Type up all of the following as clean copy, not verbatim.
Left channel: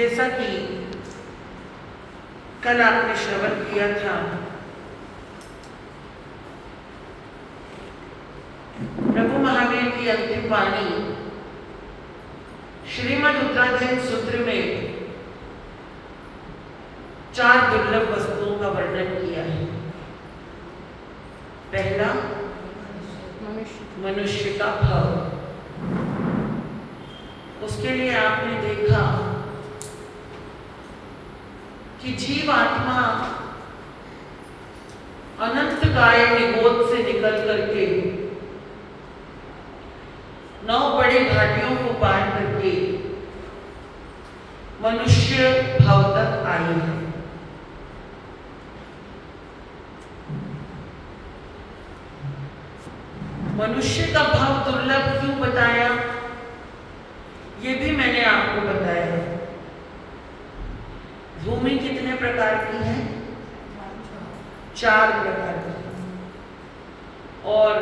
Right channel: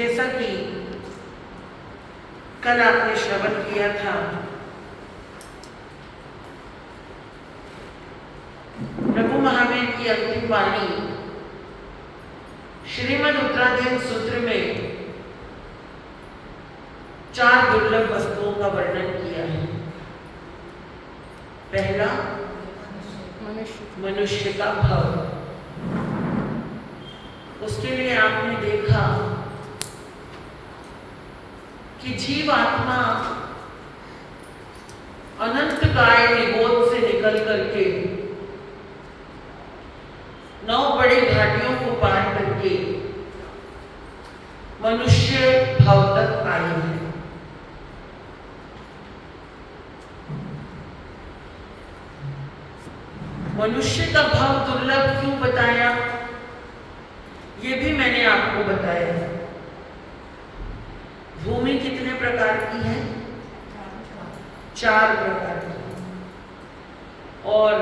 जैसा कि कल आपने श्रवण किया था, रघु महावीर की अंतिम वाणी श्रीमद् उत्तराधीन सूत्र में 4 दुर्लभ वस्तुओं का वर्णन किया है। पहला मनुष्य का भाव। उसके लिए आपने देखा कि जीव आत्मा अनंत काय निगोद से निकल करके 9 बड़ी घाटियों को पार करके मनुष्य भाव तक आई है। मनुष्य का भाव दुर्लभ क्यों बताया, ये भी मैंने आपको बताया। भूमि कितने प्रकार की है? 4 प्रकार की। और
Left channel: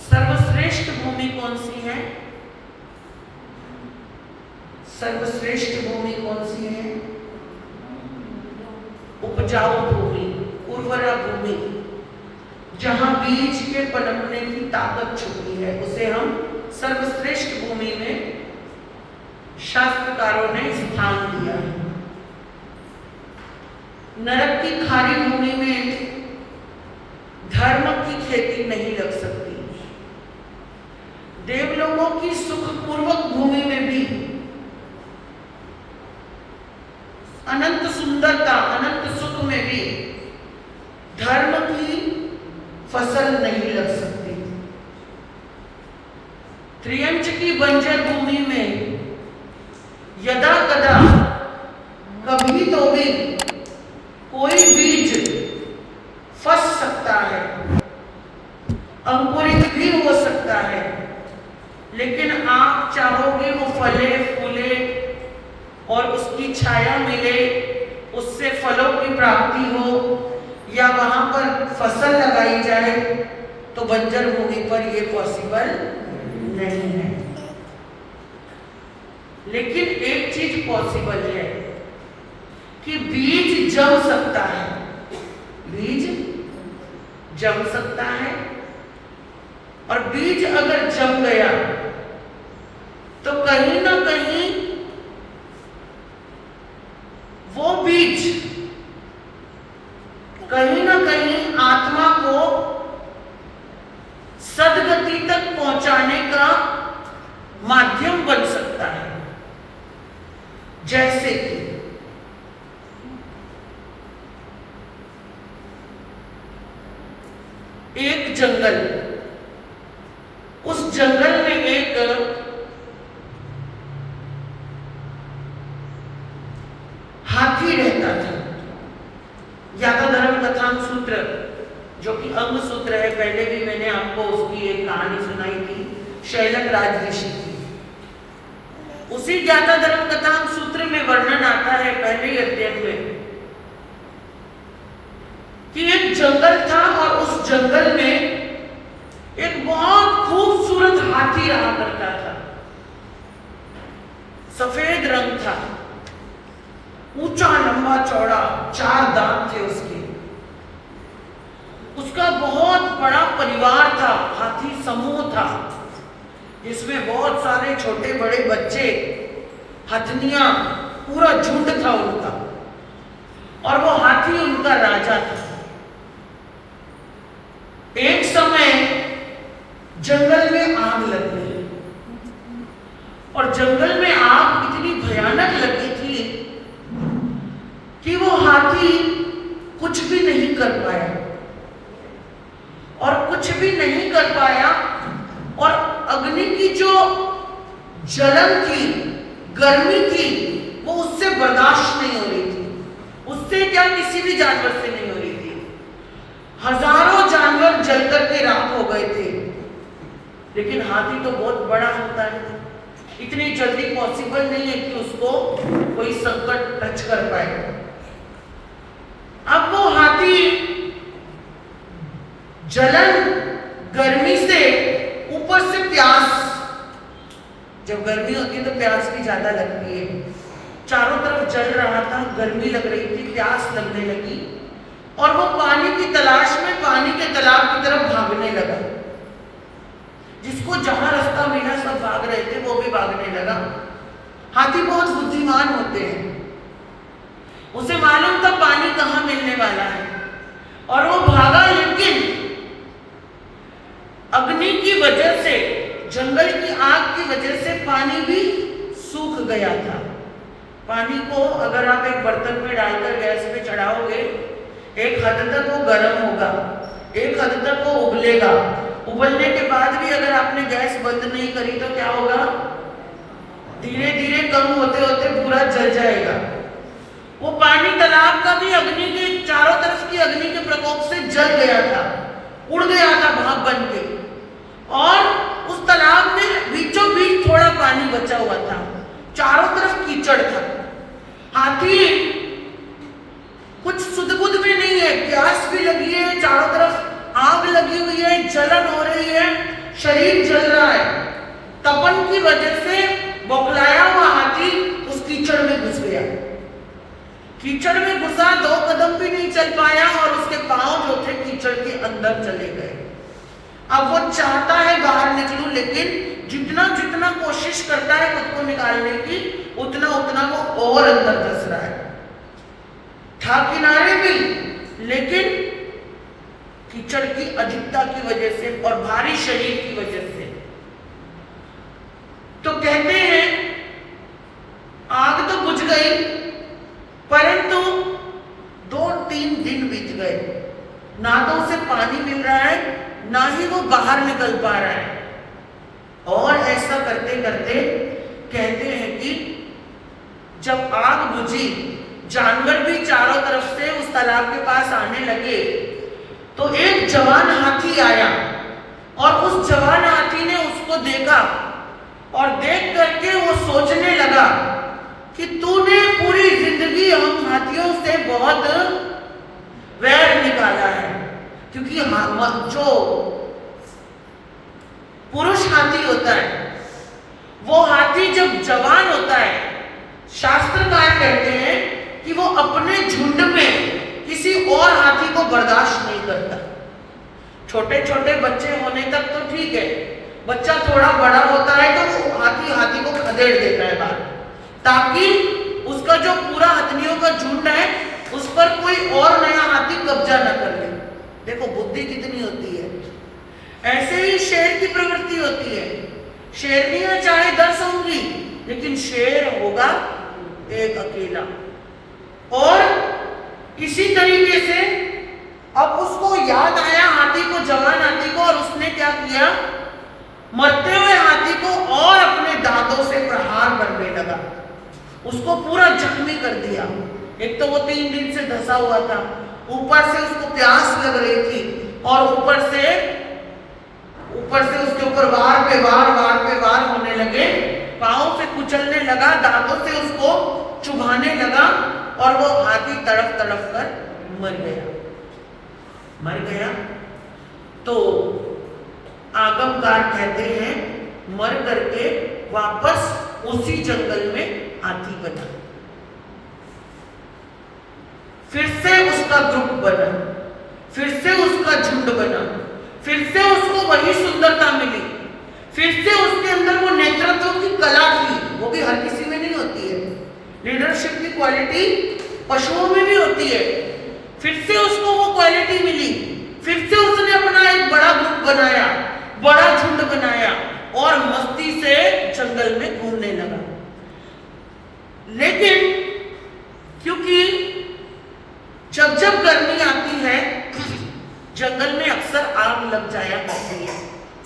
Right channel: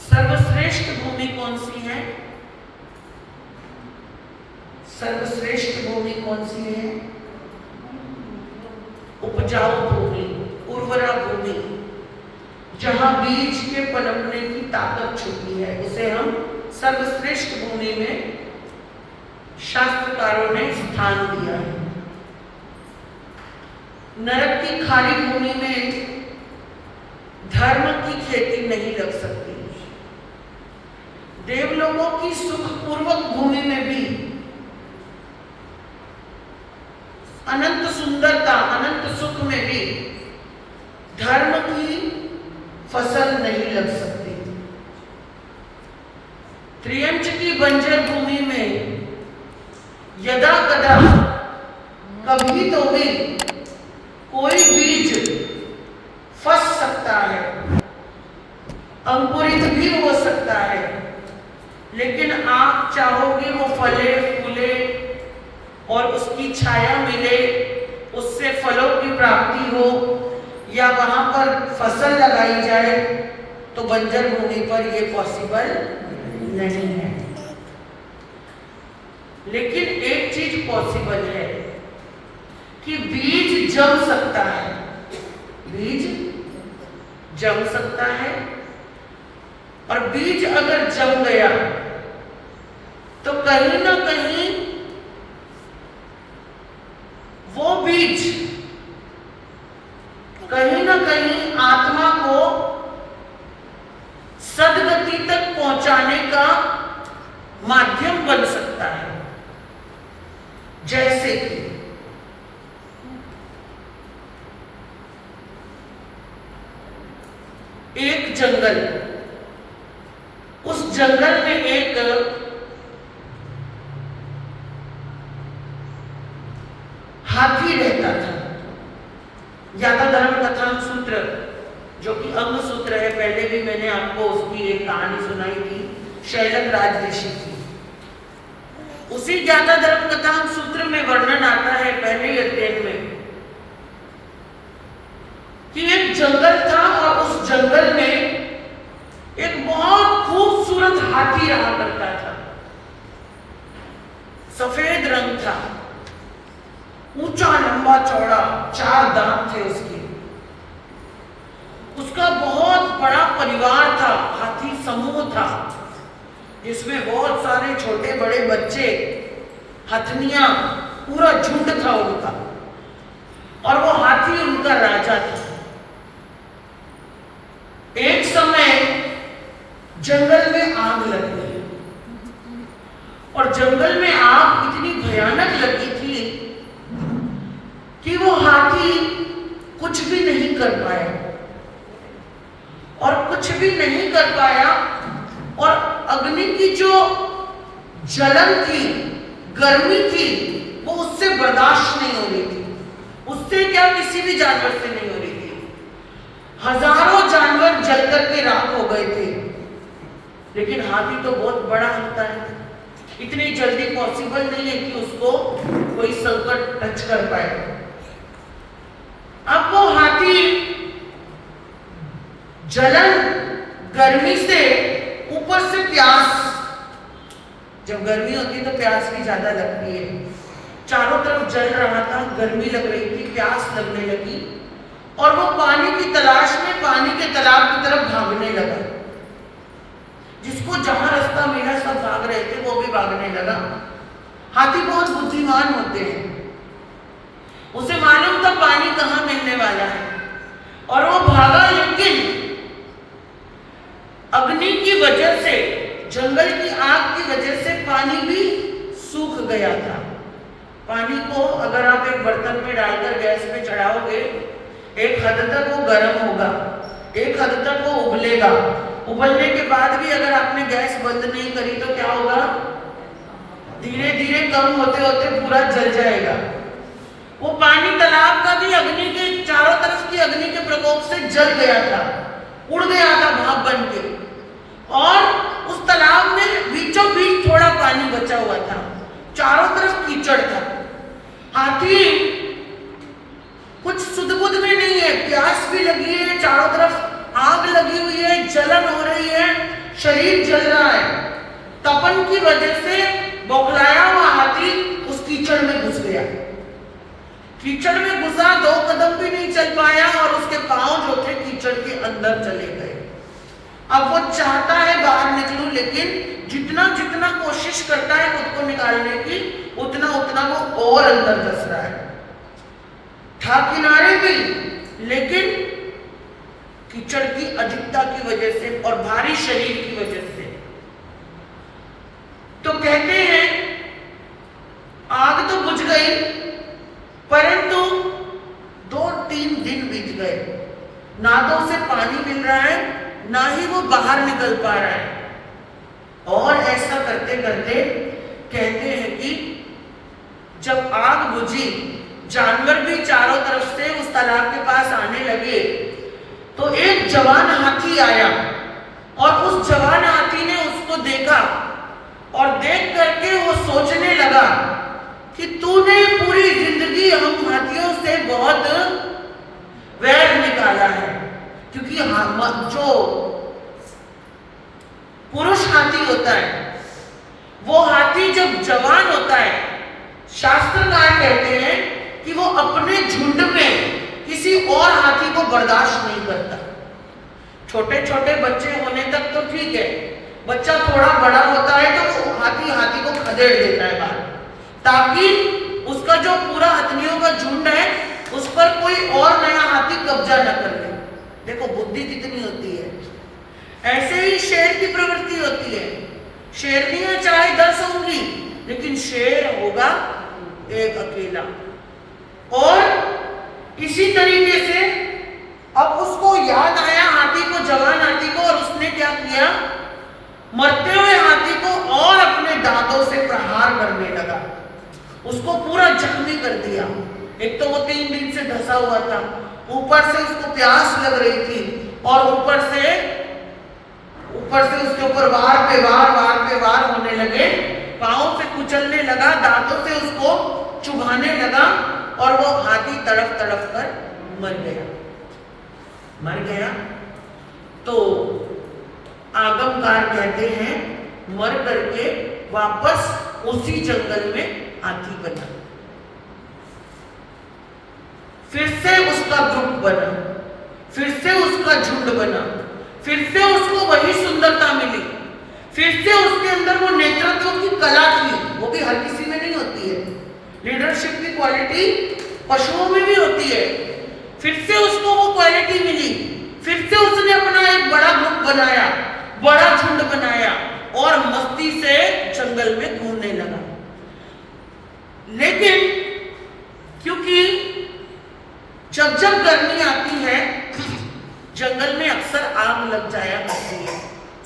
सर्वश्रेष्ठ भूमि कौन सी है? सर्वश्रेष्ठ भूमि कौन सी है? उपजाऊ भूमि, उर्वरा भूमि, जहां बीज के पनपने की ताकत छुपी है, उसे हम सर्वश्रेष्ठ भूमि में शास्त्रकारों ने स्थान दिया है। नरक की खारी भूमि में धर्म की खेती नहीं लग सकती। देवलोकों की सुखपूर्वक भूमि में भी अनंत सुंदरता, अनंत सुख में भी धर्म की फसल नहीं लग सकती। त्रियंच की बंजर भूमि में यदा कदा कभी तो भी कोई बीज फंस सकता है, अंकुरित भी हो सकता है, लेकिन आप चाहोगे वो फले फूले और उसकी छाया मिले, उससे फलों की प्राप्ति हो या वहां पर फसल लगाई जाए, तो बंजर भूमि पर ये पॉसिबल नहीं है। लेकिन एक चीज पॉसिबल है कि बीज जम सकता है। बीज जम सकता है, और बीज अगर जम गया तो कहीं ना कहीं वो बीज कहीं ना कहीं आत्मा को सद्गति तक पहुंचाने का माध्यम बन सकता है। जैसे कि एक जंगल, उस जंगल में एक हाथी रहता था। यादव धर्म कथान सूत्र, जो कि अंग सूत्र है, पहले भी मैंने आपको उसकी एक कहानी सुनाई थी, शैलक राज ऋषि की। उसी ज्ञाता धर्म कथान सूत्र में वर्णन आता है पहले ही अध्याय में कि एक जंगल था और उस जंगल में एक बहुत खूबसूरत हाथी रहा करता था। सफेद रंग था, ऊंचा लंबा चौड़ा, 4 दांत थे उसके। उसका बहुत बड़ा परिवार था, हाथी समूह था, जिसमें बहुत सारे छोटे बड़े बच्चे, हथनियां, पूरा झुंड था उनका। और वो हाथी उनका राजा था। एक समय जंगल में आग लग गई, और जंगल में आग इतनी भयानक लगी थी कि वो हाथी कुछ भी नहीं कर पाया, और कुछ भी नहीं कर पाया, और अग्नि की जो जलन थी, गर्मी थी, वो उससे बर्दाश्त नहीं हो रही थी। उससे क्या, किसी भी जानवर से नहीं हो रही थी। हजारों जानवर जल करके राख हो गए थे, लेकिन हाथी तो बहुत बड़ा होता है, इतनी जल्दी पॉसिबल नहीं है कि उसको कोई संकट टच कर पाए। अब वो हाथी जलन, गर्मी से, ऊपर से प्यास, जब गर्मी होती है तो प्यास भी ज्यादा लगती है, चारों तरफ जल रहा था, गर्मी लग रही थी, प्यास लगने लगी और वो पानी की तलाश में पानी के तालाब की तरफ भागने लगा। जिसको जहां रास्ता मिला सब भाग रहे थे, वो भी भागने लगा। हाथी बहुत बुद्धिमान होते हैं, उसे मालूम था पानी कहाँ मिलने वाला है और वो भागा, लेकिन अग्नि की वजह से, जंगल की आग की वजह से पानी भी सूख गया था। पानी को अगर आप एक बर्तन में डालकर गैस पे चढ़ाओगे, एक हद तक वो गर्म होगा, एक हद तक वो उबलेगा। उबलने के बाद भी अगर आपने गैस बंद नहीं करी तो क्या होगा? धीरे धीरे कम होते होते पूरा जल जाएगा। वो पानी तालाब का भी अग्नि के चारों तरफ की अग्नि के प्रकोप से जल गया था, उड़ गया था भाप बन के। और उस तालाब में बीचों बीच थोड़ा पानी बचा हुआ था, चारों तरफ कीचड़ था। हाथी कुछ सुध-बुध में नहीं है, प्यास भी लगी है, चारों तरफ आग लगी हुई है, जलन हो रही है, शरीर जल रहा है। तपन की वजह से बौखलाया हुआ हाथी उस कीचड़ में घुस गया। कीचड़ में घुसा, 2 कदम भी नहीं चल पाया और उसके पांव जो थे कीचड़ के अंदर चले गए। अब वो चाहता है बाहर निकलूं, लेकिन जितना जितना कोशिश करता है खुद को निकालने की, उतना उतना वो और अंदर धंस रहा है। था किनारे भी, लेकिन कीचड़ की अधिकता की वजह से और भारी शरीर की वजह से। तो कहते हैं आग तो बुझ गई, परंतु 2-3 दिन बीत गए, ना तो उसे पानी मिल रहा है, ना ही वो बाहर निकल पा रहा है। और ऐसा करते करते कहते हैं कि जब आग बुझी, जानवर भी चारों तरफ से उस तालाब के पास आने लगे, तो एक जवान हाथी आया और उस जवान हाथी ने उसको देखा और देख करके वो सोचने लगा कि तूने पूरी जिंदगी हम हाथियों से बहुत वैर निकाला है। क्योंकि जो पुरुष हाथी होता है, वो हाथी जब जवान होता है, शास्त्रकार कहते हैं कि वो अपने झुंड में किसी और हाथी को बर्दाश्त नहीं करता। छोटे छोटे बच्चे होने तक तो ठीक है, बच्चा थोड़ा बड़ा होता है तो हाथी को खदेड़ देता है बाहर, ताकि उसका जो पूरा हथनियों का झुंड है उस पर कोई और नया हाथी कब्जा न कर ले। देखो बुद्धि कितनी होती है। ऐसे ही शेर की प्रवृत्ति होती है। शेरनियां चाहे 10 होंगी, लेकिन शेर होगा एक अकेला। और इसी तरीके से अब उसको याद आया हाथी को, जवान हाथी को, और उसने क्या किया, मरते हुए हाथी को और अपने दांतों से प्रहार करने लगा, उसको पूरा जख्मी कर दिया। एक तो वो 3 दिन से धंसा हुआ था, ऊपर से उसको प्यास लग रही थी और ऊपर से उसके ऊपर वार पे वार होने लगे, पांव से कुचलने लगा, दांतों से उसको चुभाने लगा और वो हाथी तड़फ कर मर गया। तो आगमकार कहते हैं मर करके वापस उसी जंगल में हाथी बना, फिर से उसका ग्रुप बना, फिर से उसका झुंड बना, फिर से उसको वही सुंदरता मिली, फिर से उसके अंदर वो नेतृत्व की कला थी। वो भी हर किसी में नहीं होती है, लीडरशिप की क्वालिटी पशुओं में भी होती है। फिर से उसको वो क्वालिटी मिली, फिर से उसने अपना एक बड़ा ग्रुप बनाया, बड़ा झुंड बनाया और मस्ती से जंगल में घूमने लगा। लेकिन क्योंकि जब गर्मी आती है, जंगल में अक्सर आग लग जाया करती है।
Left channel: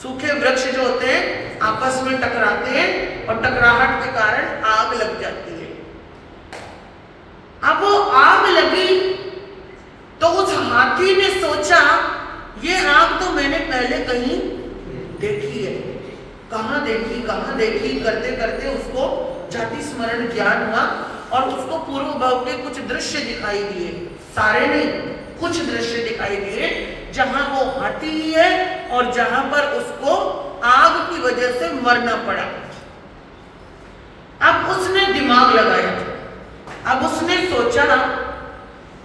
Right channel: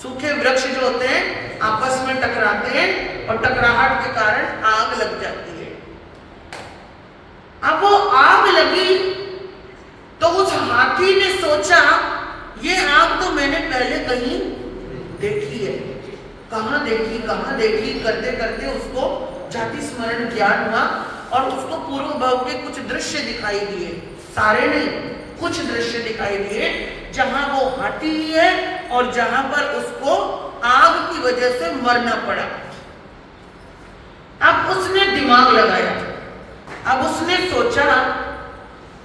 सूखे वृक्ष जो होते हैं आपस में टकराते हैं और टकराहट के कारण आग लग जाती है। अब वो आग लगी तो उस हाथी ने सोचा ये आग तो मैंने पहले कहीं देखी है, कहाँ देखी करते करते उसको जाति स्मरण ज्ञान हुआ और उसको पूर्व भाव के कुछ दृश्य दिखाई दिए, सारे नहीं, कुछ दृश्य दिखाई दिए जहां वो हाथी है और जहां पर उसको आग की वजह से मरना पड़ा। अब उसने दिमाग लगाया, अब सोचा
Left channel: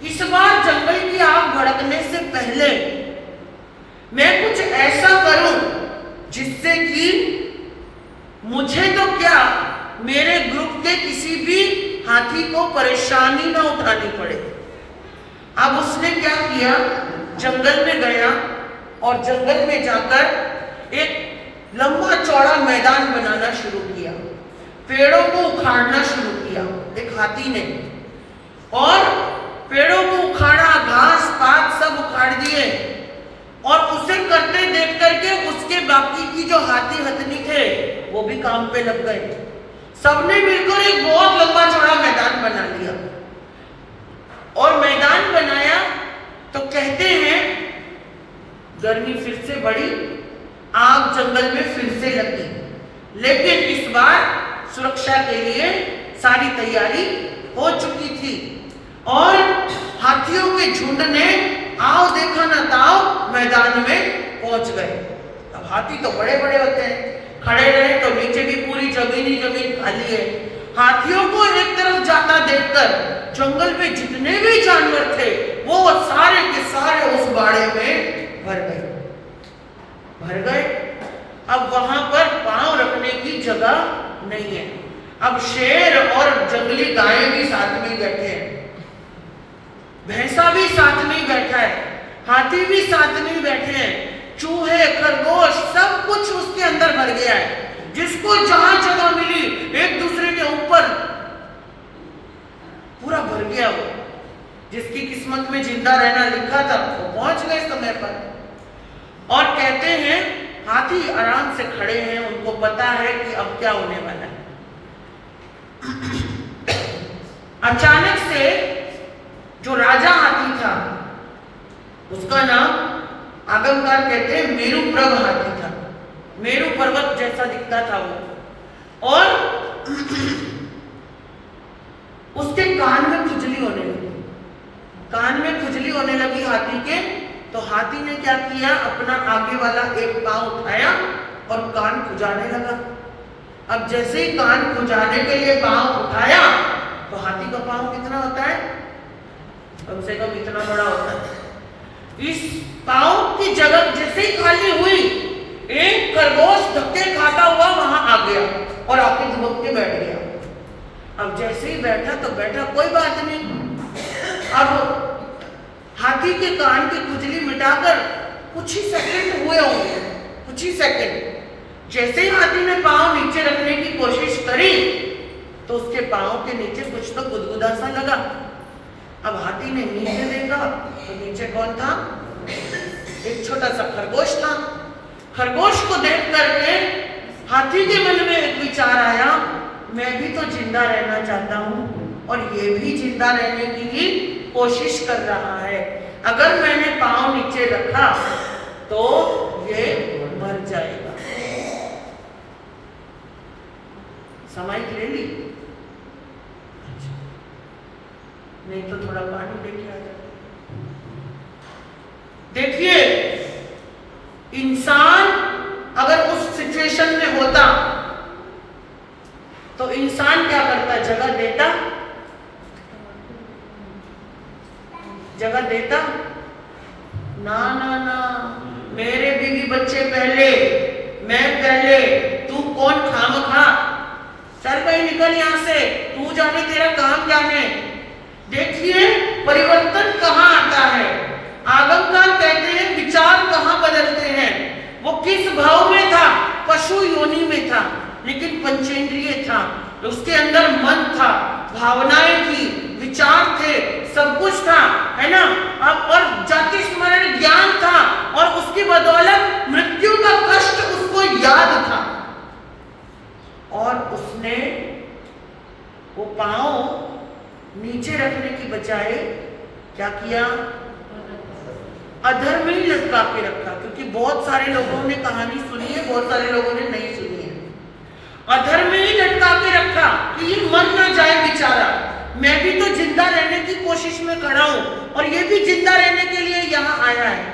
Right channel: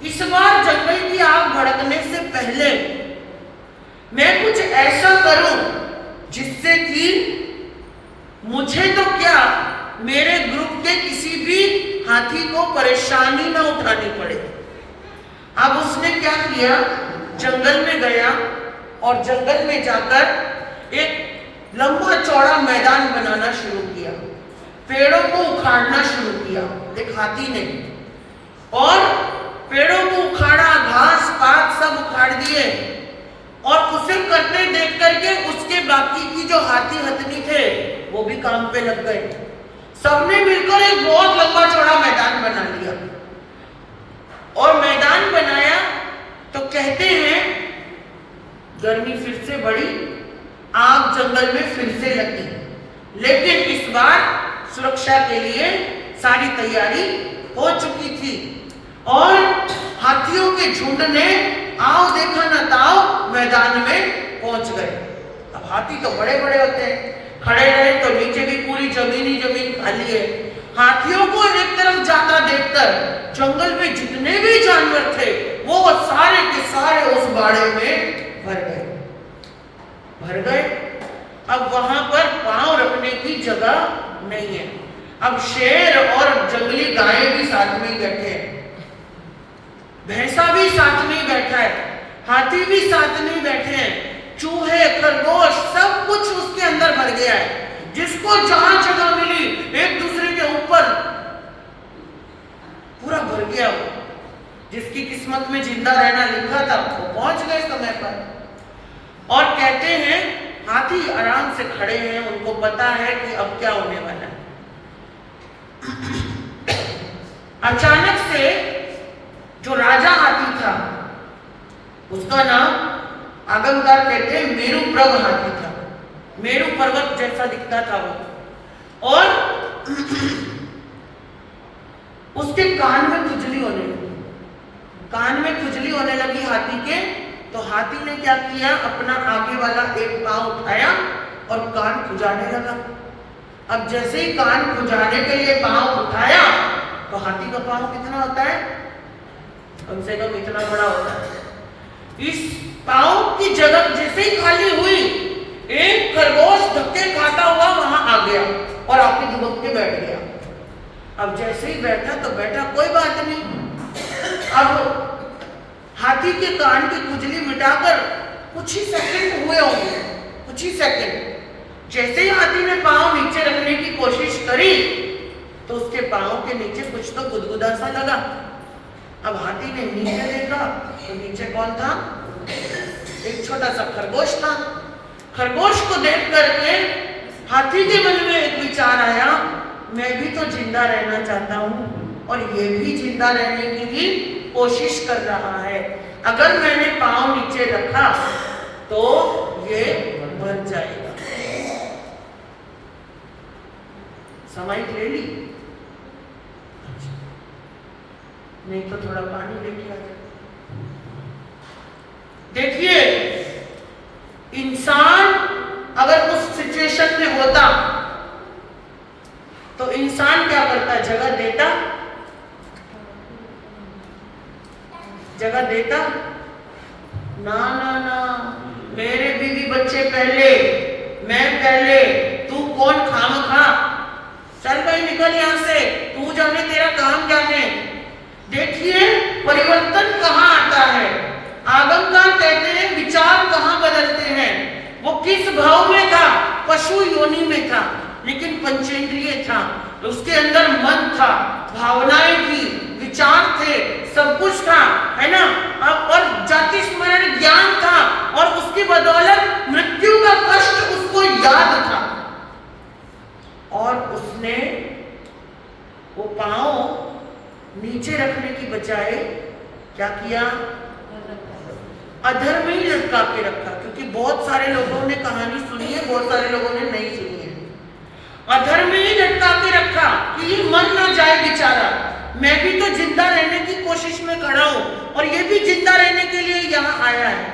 इस बार जंगल की आग भड़कने से पहले मैं कुछ ऐसा करूं जिससे कि मुझे तो क्या, मेरे ग्रुप के किसी भी हाथी को परेशानी ना उठानी पड़े। अब उसने क्या किया, जंगल में गया और जंगल में जाकर एक लंबा चौड़ा मैदान बनाना शुरू किया, पेड़ों को उखाड़ना शुरू किया एक हाथी ने, और पेड़ों को उखाड़ा, घास पात सब उखाड़ दिए, और उसे करते देख करके उसके बाकी की जो हाथी हथनी थे वो भी काम पे लग गए। सबने मिलकर एक बहुत लंबा चौड़ा मैदान बना लिया, और मैदान बनाया तो कहते हैं गर्मी फिर से बढ़ी, आग जंगल में फिर से लगी, लेकिन इस बार सुरक्षा के लिए सारी तैयारी हो चुकी थी, और हाथियों के झुंड ने आओ देखा ना ताओ मैदान में पहुंच गए। अब हाथी तो बड़े बड़े होते हैं, खड़े रहे तो नीचे भी पूरी जमीन ही जमीन खाली है। हाथियों को एक तरफ जाता देखकर जंगल में जितने भी जानवर थे वो सारे के सारे उस बाड़े में भर गए। अब वहां पर पांव रखने की जगह नहीं है। अब शेर और जंगली गायें भी साथ में बैठे हैं, भैंसा भी साथ में बैठा है, हाथी भी साथ में बैठे हैं, चूहे खरगोश सब कुछ उसके अंदर भर गया है। जिसको जहां जगह मिली एक दूसरे के ऊपर पूरा भर गया। वो जिसकी किस्मत में जिंदा रहना लिखा था वो पहुंच गए समय पर। और कहते हैं हाथी आराम से खड़े हैं, उनको पता है कि अब क्या होने वाला है। अचानक से जो राजा हाथी था उसका नाम आगमकार कहते हैं मेरू प्रभ हाथी था, मेरू पर्वत जैसा दिखता था वो, और उसके कान में खुजली होने लगी, कान में खुजली होने लगी हाथी के। तो हाथी ने क्या किया, अपना आगे वाला एक पांव उठाया और कान खुजाने लगा। अब जैसे ही कान खुजाने के लिए पांव उठाया तो हाथी का पांव कितना होता है, कम से कम इतना बड़ा होता है। इस पांव की जगह जैसे ही खाली हुई एक खरगोश धक्के खाता हुआ वहां आ गया और आके दुबक के बैठ गया। अब जैसे ही बैठा तो बैठा, कोई बात नहीं। अब हाथी के कान की खुजली मिटाकर कुछ ही सेकंड हुए होंगे, कुछ ही सेकंड, जैसे ही हाथी ने पांव नीचे रखने की कोशिश करी तो उसके पांव के नीचे कुछ तो गुदगुदा सा लगा। अब हाथी ने नीचे देखा तो नीचे कौन था, एक छोटा सा खरगोश था। खरगोश को देख करके हाथी के मन में एक विचार आया, मैं भी तो जिंदा रहना चाहता हूँ और ये भी जिंदा रहने की ही कोशिश कर रहा है। अगर मैंने पांव नीचे रखा तो ये मर जाएगा। समाइक ले ली, नहीं तो थोड़ा पानी लेके आ जाए। देखिए, इंसान अगर उस सिचुएशन में होता तो इंसान क्या करता, जगह देता, जगह देता ना ना ना, मेरे बीवी बच्चे पहले, मैं पहले, तू कौन खामखा, चल भाई निकल यहां से, तू जाने तेरा काम जाने। देखिए परिवर्तन कहां आता है। आगमकार कहते हैं विचार कहां बदलते हैं। वो किस भाव में था, पशु योनि में था, लेकिन पंचेंद्रिय था, उसके अंदर मन था, भावनाएं थी, विचार थे, सब कुछ था, है ना। अब और जाति स्मरण ज्ञान था, और उसकी बदौलत मृत्यु का कष्ट उसको याद था। और उसने वो पांव नीचे रखने की बजाय क्या किया, अधर में ही लटका के रखा। क्योंकि बहुत सारे लोगों ने कहानी सुनी है, बहुत सारे लोगों ने नहीं सुनी है। अधर में ही लटका के रखा कि ये मर ना जाए बेचारा, मैं भी तो जिंदा रहने की कोशिश में खड़ा हूं और ये भी जिंदा रहने के लिए यहाँ आया है।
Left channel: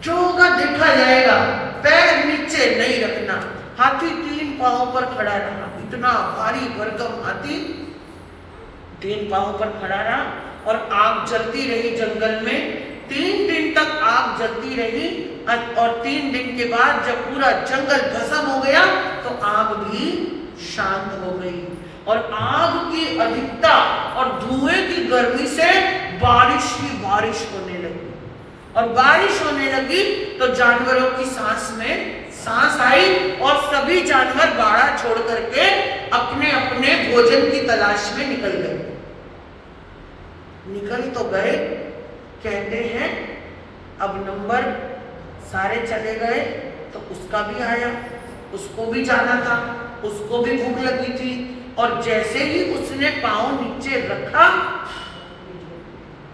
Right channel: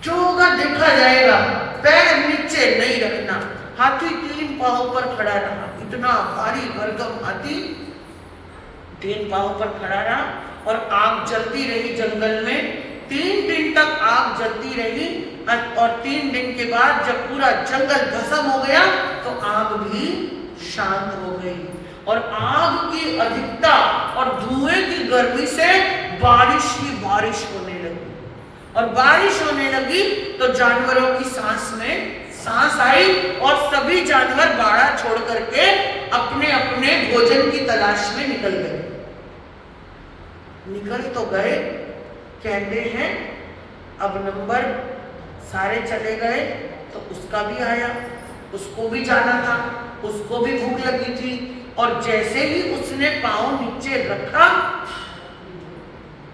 जो होगा देखा जाएगा, पैर नीचे नहीं रखना। हाथी 3 पांव पर खड़ा रहा, इतना भारी भरकम हाथी 3 पांव पर खड़ा रहा और आग जलती रही जंगल में। 3 दिन तक आग जलती रही और 3 दिन के बाद जब पूरा जंगल भस्म हो गया तो आग भी शांत हो गई और आग की अधिकता और धुएं की गर्मी से बारिश ही बारिश होने लगी। और बारिश होने लगी तो जानवरों की सांस में सांस आई और सभी जानवर बाड़ा छोड़ करके अपने अपने भोजन की तलाश में निकल गए। निकल तो गए, कहते हैं अब नंबर सारे चले गए तो उसका भी आया, उसको भी जाना था, उसको भी भूख लगी थी। और जैसे ही उसने पांव नीचे रखा,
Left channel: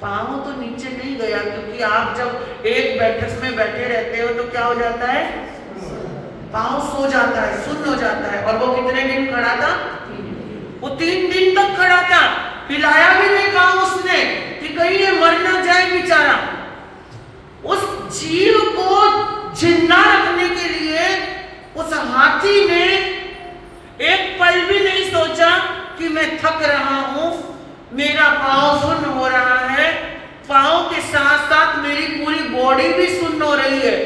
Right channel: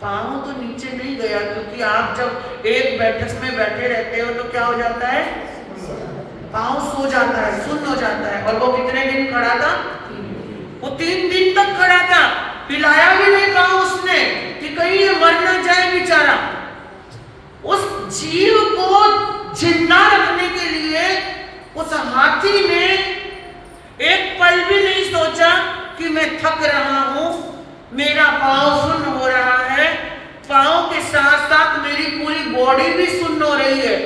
पांव तो नीचे नहीं गया, क्योंकि आप जब एक बैठक में बैठे रहते हो तो क्या हो जाता है, पांव सो जाता है, सुन्न हो जाता है। और वो कितने दिन खड़ा था, वो 3 दिन तक खड़ा था, हिलाया भी नहीं पांव उसने कि कहीं ये मर ना जाए बेचारा। उस जीव को जिंदा रखने के लिए उस हाथी ने एक पल भी नहीं सोचा कि मैं थक रहा हूं, मेरा पांव सुन्न हो रहा है, पांव के साथ साथ मेरी पूरी बॉडी भी सुन्न हो रही है।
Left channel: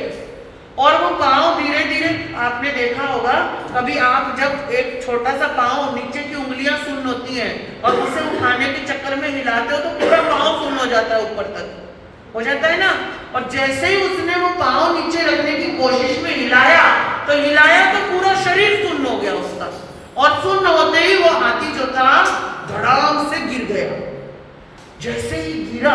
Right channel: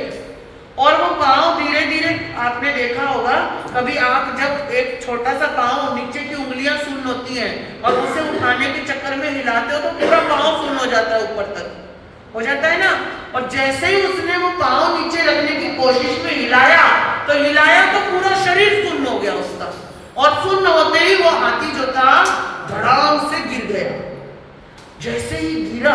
और वो पांव धीरे धीरे, आपने देखा होगा कभी आप जब एक छोटा सा पांव, नीचे की उंगलियां सुन्न होती हैं और उसे उठाने के चक्कर में हिलाते हो तो पूरा पांव सुन्न हो जाता है, ऊपर तक हो जाता है ना। और जैसे ही उसने वो पांव नीचे रखने की कोशिश में हिलाया तो पूरा शरीर सुन्न हो गया उसका। और सुन्न होते ही वो हाथी जो था धड़ाम से गिर गया। जैसे ही गिरा,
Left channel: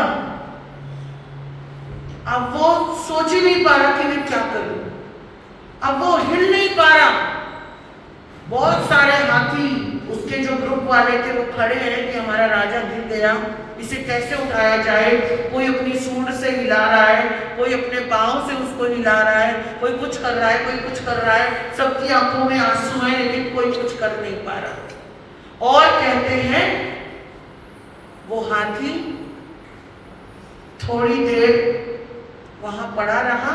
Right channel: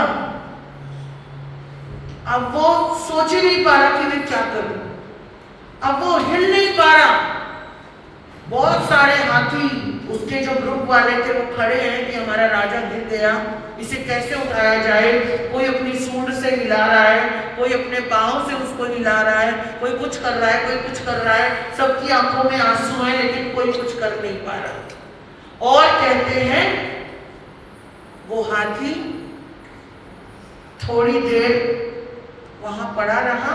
अब वो सोच ही नहीं पा रहा कि मैं क्या करूं, अब वो हिल नहीं पा रहा। बहुत सारे हाथी उसके जो ग्रुप वाले थे वो खड़े हैं कि हमारा राजा गिर गया, इसे कैसे उठाया जाए। कोई अपनी सूंड से हिला रहा है, कोई अपने पांव से उसको हिला रहा है, कोई कुछ कर रहा है, कोई कुछ कर रहा है। सबकी आंखों में आंसू हैं लेकिन कोई कुछ कर नहीं पा रहा। और कहते हैं वो हाथी थोड़ी देर वहां पड़ा रहा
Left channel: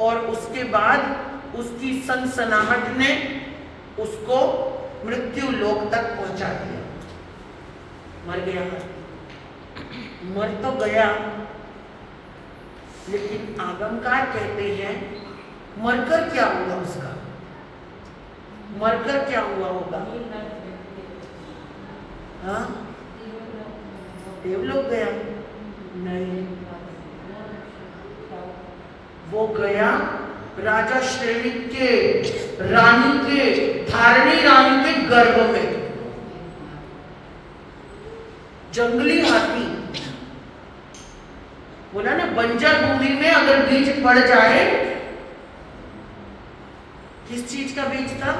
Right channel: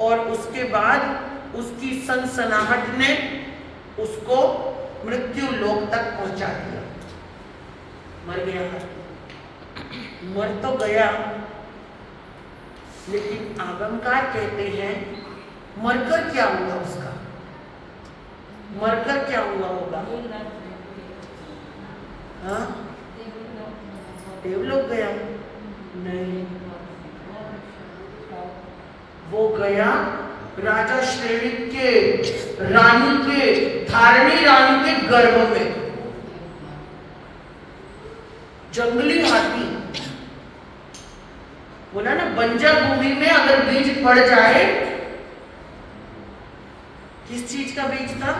और उसके बाद उसकी सनसनाहट ने उसको मृत्यु लोक तक पहुंचा दिया। मर गया हाथी, मर तो गया, लेकिन आगमकार कहते हैं मरकर क्या हुआ उसका, मरकर क्या हुआ होगा। हाँ, देवलोक गया नहीं, वो गया राजा श्रेणी के रानी के, धारणी रानी के गर्भ में। जंगली हाथी, बोला ना बंजर भूमि में अगर बीज पड़ जाए, किस चीज का बीज था,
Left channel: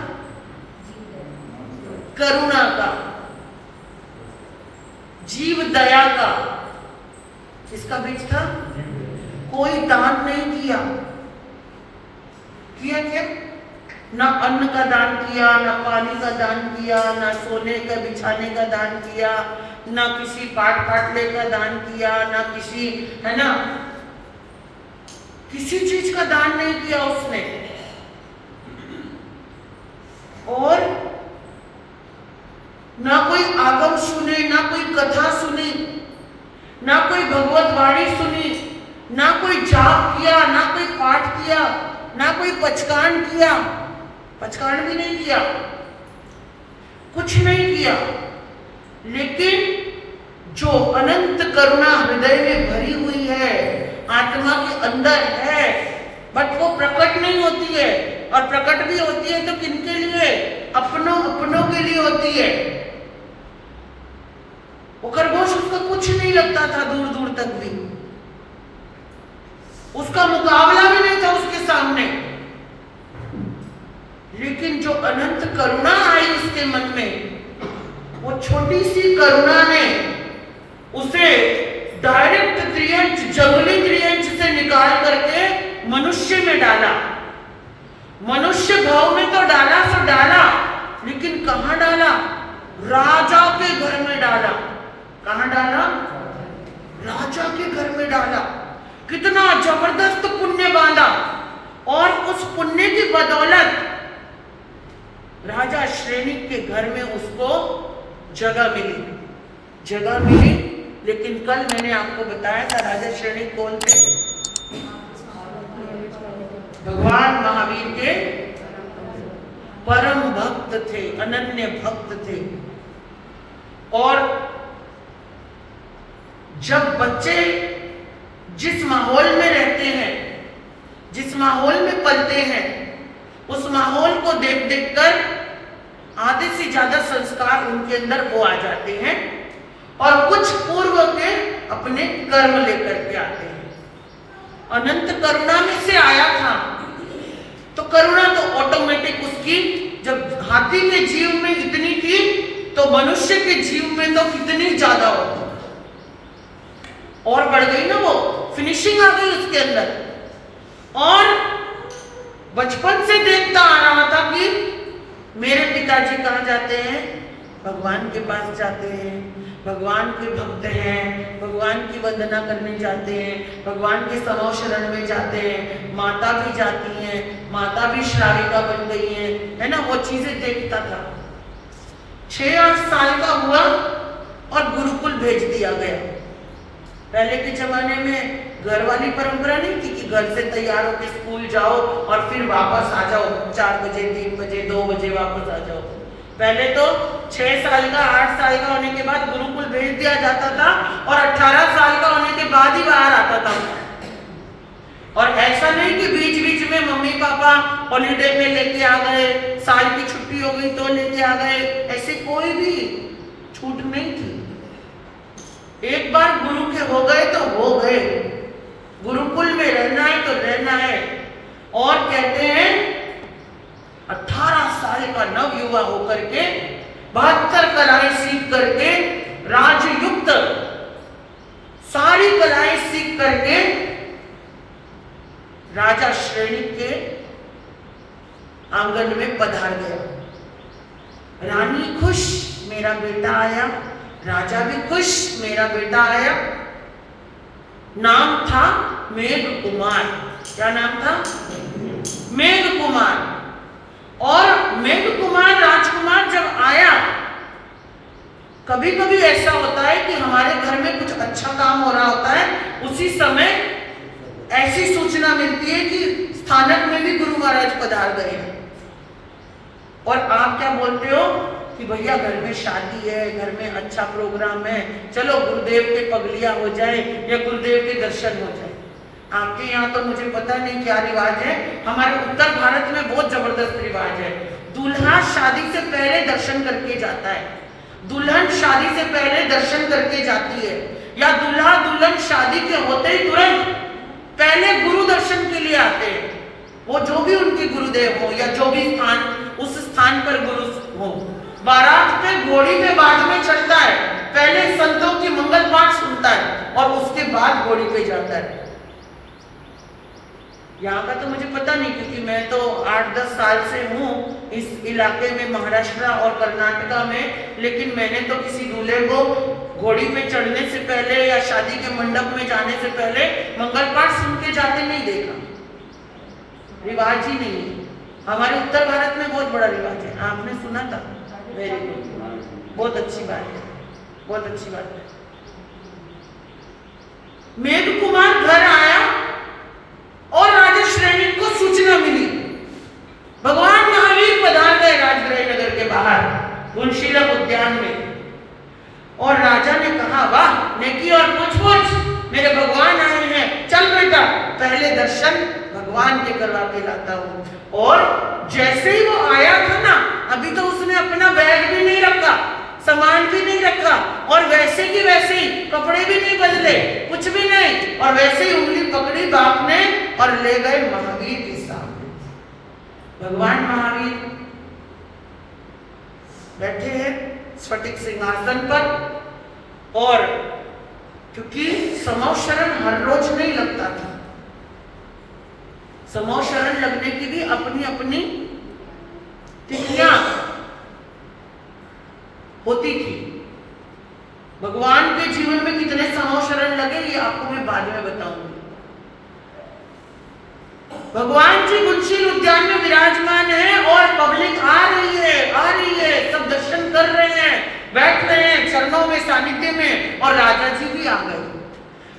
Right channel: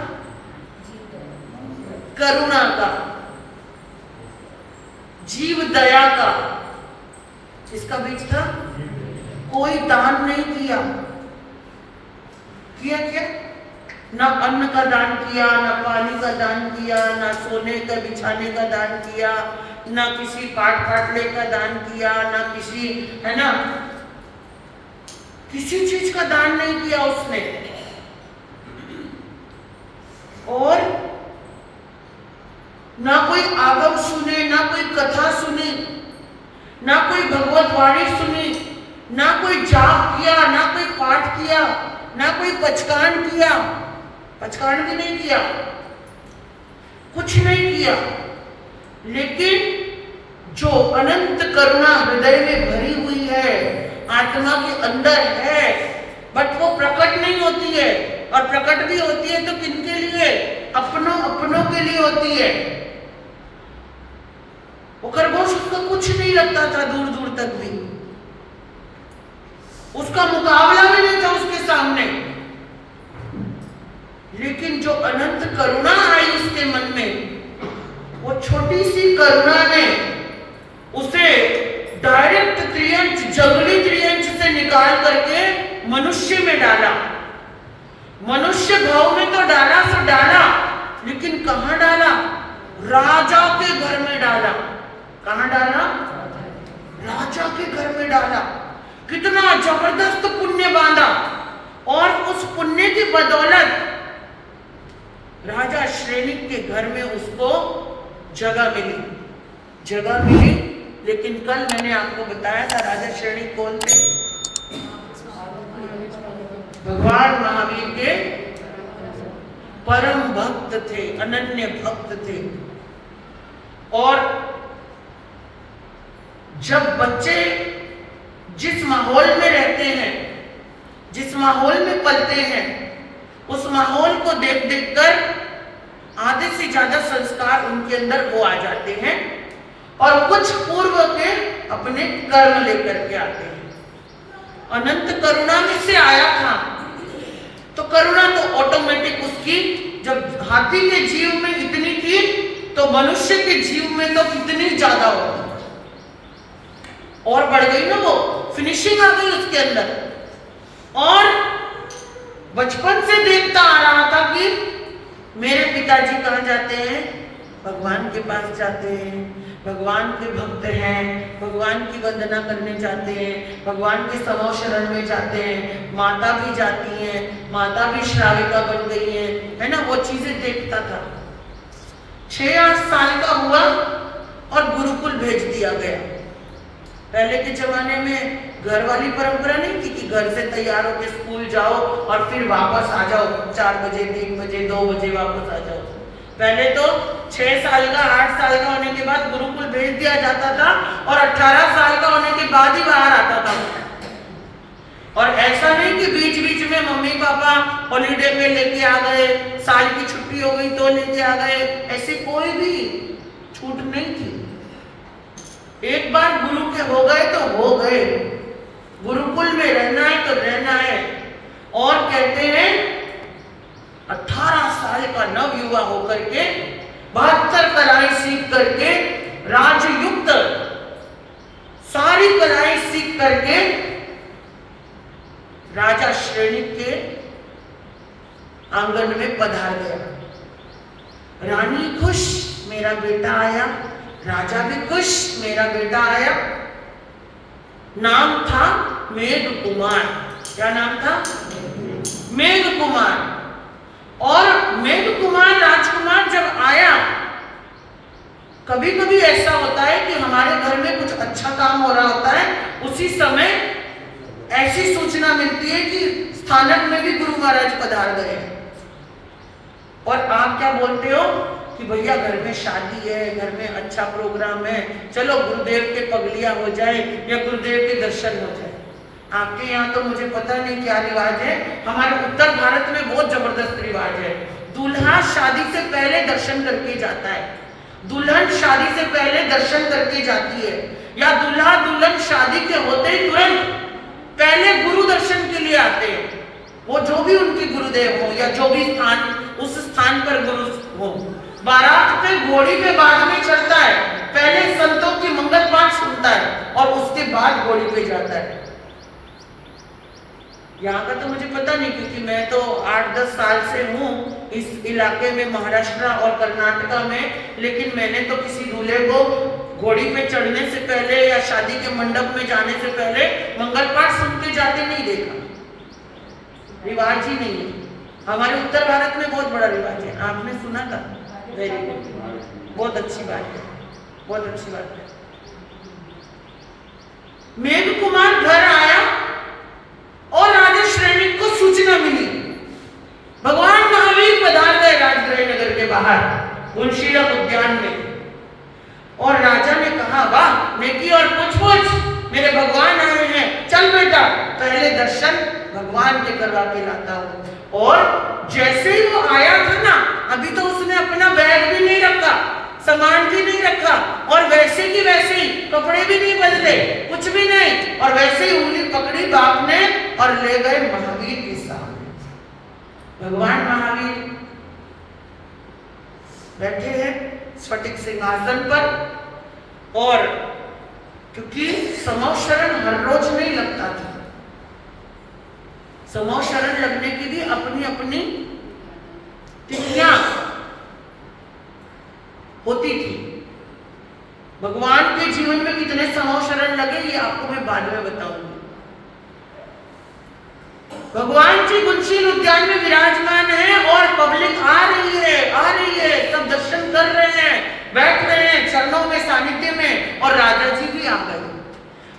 करुणा का, जीव दया का, इसका बीज था। कोई दान नहीं किया, क्या ना अन्न का दान किया, ना पानी का दान किया, ना सोने का बिछाने का दान किया, ना किसी पाटले का दान किया, ना किसी, है ना, किसी चीज का दान नहीं किया उसने। और ना कोई आगम सुने, ना कोई कथा सुनी, ना कोई भगवत वाणी सुनी, ना कोई जाप किया, ना कोई पाठ किया, ना कोई पचकान किया, पचकान भी नहीं किया, कुछ नहीं किया। लेकिन जो अनंत करुणा हृदय में भरी हुई है, आत्मा के अंदर है, बट वो प्रकट नहीं होती है। और प्रकट भी होती है तो किनके लिए, अपनों के लिए होती है। वो खरगोश उसको कुछ नहीं लगता था, दूर दूर तक भी उसका मुकाबला भी नहीं था उसके सामने। लेकिन जो अनंत करुणा आई उसके मन में, वो छोटी सी करुणा ने उसे डायरेक्ट त्रियंच, जंगली त्रियंच से निकाल करके मनुष्य में डाला। मनुष्य भाव में तो डाला सो डाला, लेकिन कहां डाला, राजा के घर में डाला। कहां डाला, राजा के घर में डाला। कितना जबरदस्त पुण्य बांधा, और उस पुण्य की बदौलत राजा श्रेणी के घर में उसको जगह मिली। जगह मिली। लेकिन कल मैंने आपको बताया था राजा श्रेणिक कौन थे? भगवान महावीर के परम भक्त थे, अनन्य भक्त थे। और जब बच्चे जिस माहौल में रहते हैं, जिस माहौल में पलते हैं, उस माहौल को देख देख कर आधे से ज्यादा संस्कार उनके अंदर वो आ जाते हैं और कुछ पूर्व के अपने कर्म लेकर के आते हैं। अनंत करुणा में से आया था, तो करुणा तो ऑटोमेटिक उसकी, जब हाथी के जीव में इतनी थी तो मनुष्य के जीव में तो कितनी ज्यादा होगी, और बढ़ गई ना, वो फिनिशिंग आ गई उसके अंदर। और बचपन से देखता आ रहा था कि मेरे पिताजी कहाँ जाते हैं? भगवान के पास जाते हैं, भगवान के भक्त हैं, भगवान की वंदना करने जाते हैं, भगवान के समो शरण में जाते हैं। माता भी जाती हैं, माता भी श्राविका बन गई है ना, वो चीजें देखता था। 6-8 साल का हुआ और गुरुकुल भेज दिया गया। पहले के जमाने में घर वाली परंपरा नहीं थी कि घर से तैयार होकर स्कूल जाओ और फिर वापस आ जाओ 4 बजे, 3 बजे, 2 बजे वापस आ जाओ। पहले तो 6 साल का, 8 साल का होने के बाद गुरुकुल भेज दिया जाता था और 18 साल का होने के बाद ही बाहर आता था। और ऐसा नहीं कि बीच बीच में मम्मी पापा हॉलीडे में लेके आ गए, साल की छुट्टी हो गई तो लेके आ गए, ऐसे कोई भी छूट नहीं थी। एक बार गुरु के हो गए तो हो गए, गुरुकुल में रहना है तो रहना है। और कहते हैं 18 साल का नव युवा होकर के 72 कलाएं सीख करके, राजयुक्त सारी कलाएं सीख करके राजा श्रेणिक के आंगन में पधार गया। रानी खुश, मेरा बेटा आया। राजा भी खुश, मेरा बेटा आया। नाम था मेघ कुमार। क्या नाम था? मेघ कुमार। और मेघ कुमार राजकुमार जब आया, कभी कभी ऐसा होता है कि हमारे घर में कुछ अच्छा काम हो रहा होता है, उसी समय ऐसी सूचना मिलती है कि स्थानक में भी गुरु महाराज पधार गए। और आप क्या बोलते हो कि भैया घर में शादी है, घर में अच्छा प्रोग्राम है, चलो गुरुदेव के पगलिया हो जाए या गुरुदेव के दर्शन हो जाए। आपके यहाँ तो मुझे पता नहीं क्या रिवाज है, हमारे उत्तर भारत में बहुत जबरदस्त रिवाज है। दूल्हा शादी से पहले दर्शन करके जाता है, दुल्हन शादी से पहले दर्शन करके जाती है, या दूल्हा दुल्हन शादी के होते ही तुरंत पहले गुरु दर्शन के लिए आते हैं। वो जो भी उनके गुरुदेव हो या जो भी स्थान, उस स्थान पर गुरु हो। बारात पे घोड़ी पे बाद में चढ़ता है, पहले संतों की मंगल पाठ सुनता है और उसके बाद घोड़ी पे जाता है। यहाँ का तो मुझे पता नहीं, क्योंकि मैं तो 8-10 साल से हूँ इस इलाके में, महाराष्ट्र और कर्नाटका में। लेकिन मैंने तो किसी दूल्हे को घोड़ी पे चढ़ने से पहले या शादी के मंडप में जाने से पहले मंगल पाठ सुन के जाते नहीं देखा। रिवाज ही नहीं है। हमारे उत्तर भारत में बहुत बड़ा रिवाज है, आपने सुना था? वेरी गुड, बहुत अच्छी बात है, बहुत अच्छी बात है। मेघ कुमार घर आया और राजा श्रेणिक को सूचना मिली, भगवान महावीर पधार गए राजगृह नगर के बाहर गुणशीलक उद्यान में। और राजा ने कहा, वाह नेकी और पूछ मेरे भगवान आए हैं, चल बेटा पहले दर्शन भगवान के करवा के लाता हूं। और जैसे ही वो आया था ना, अभी तो उसने अपना बैग भी नहीं रखा, सामान भी नहीं रखा, और वैसे की वैसे ही कपड़े भी नहीं बदले, कुछ भी नहीं, और वैसे ही उंगली पकड़ी बाप ने और ले गए महावीर के सामने। भगवान महावीर बैठे हैं स्फटिक सिंहासन पर, और क्योंकि समो शरण हर रोज नहीं लगता था, समो शरण लगने की भी अपनी अपनी तिथियां होती थी। भगवान के जीवन में कितने समो शरण लगे ये आपको मैं बाद में बताऊंगी। भगवान जी गुणशील उद्यान में विराजमान है और पब्लिक आ रही है, सब दर्शन कर रहे हैं। बैठ रहे हैं चरणों में, सानिध्य में, और राजा जी भी आ गए।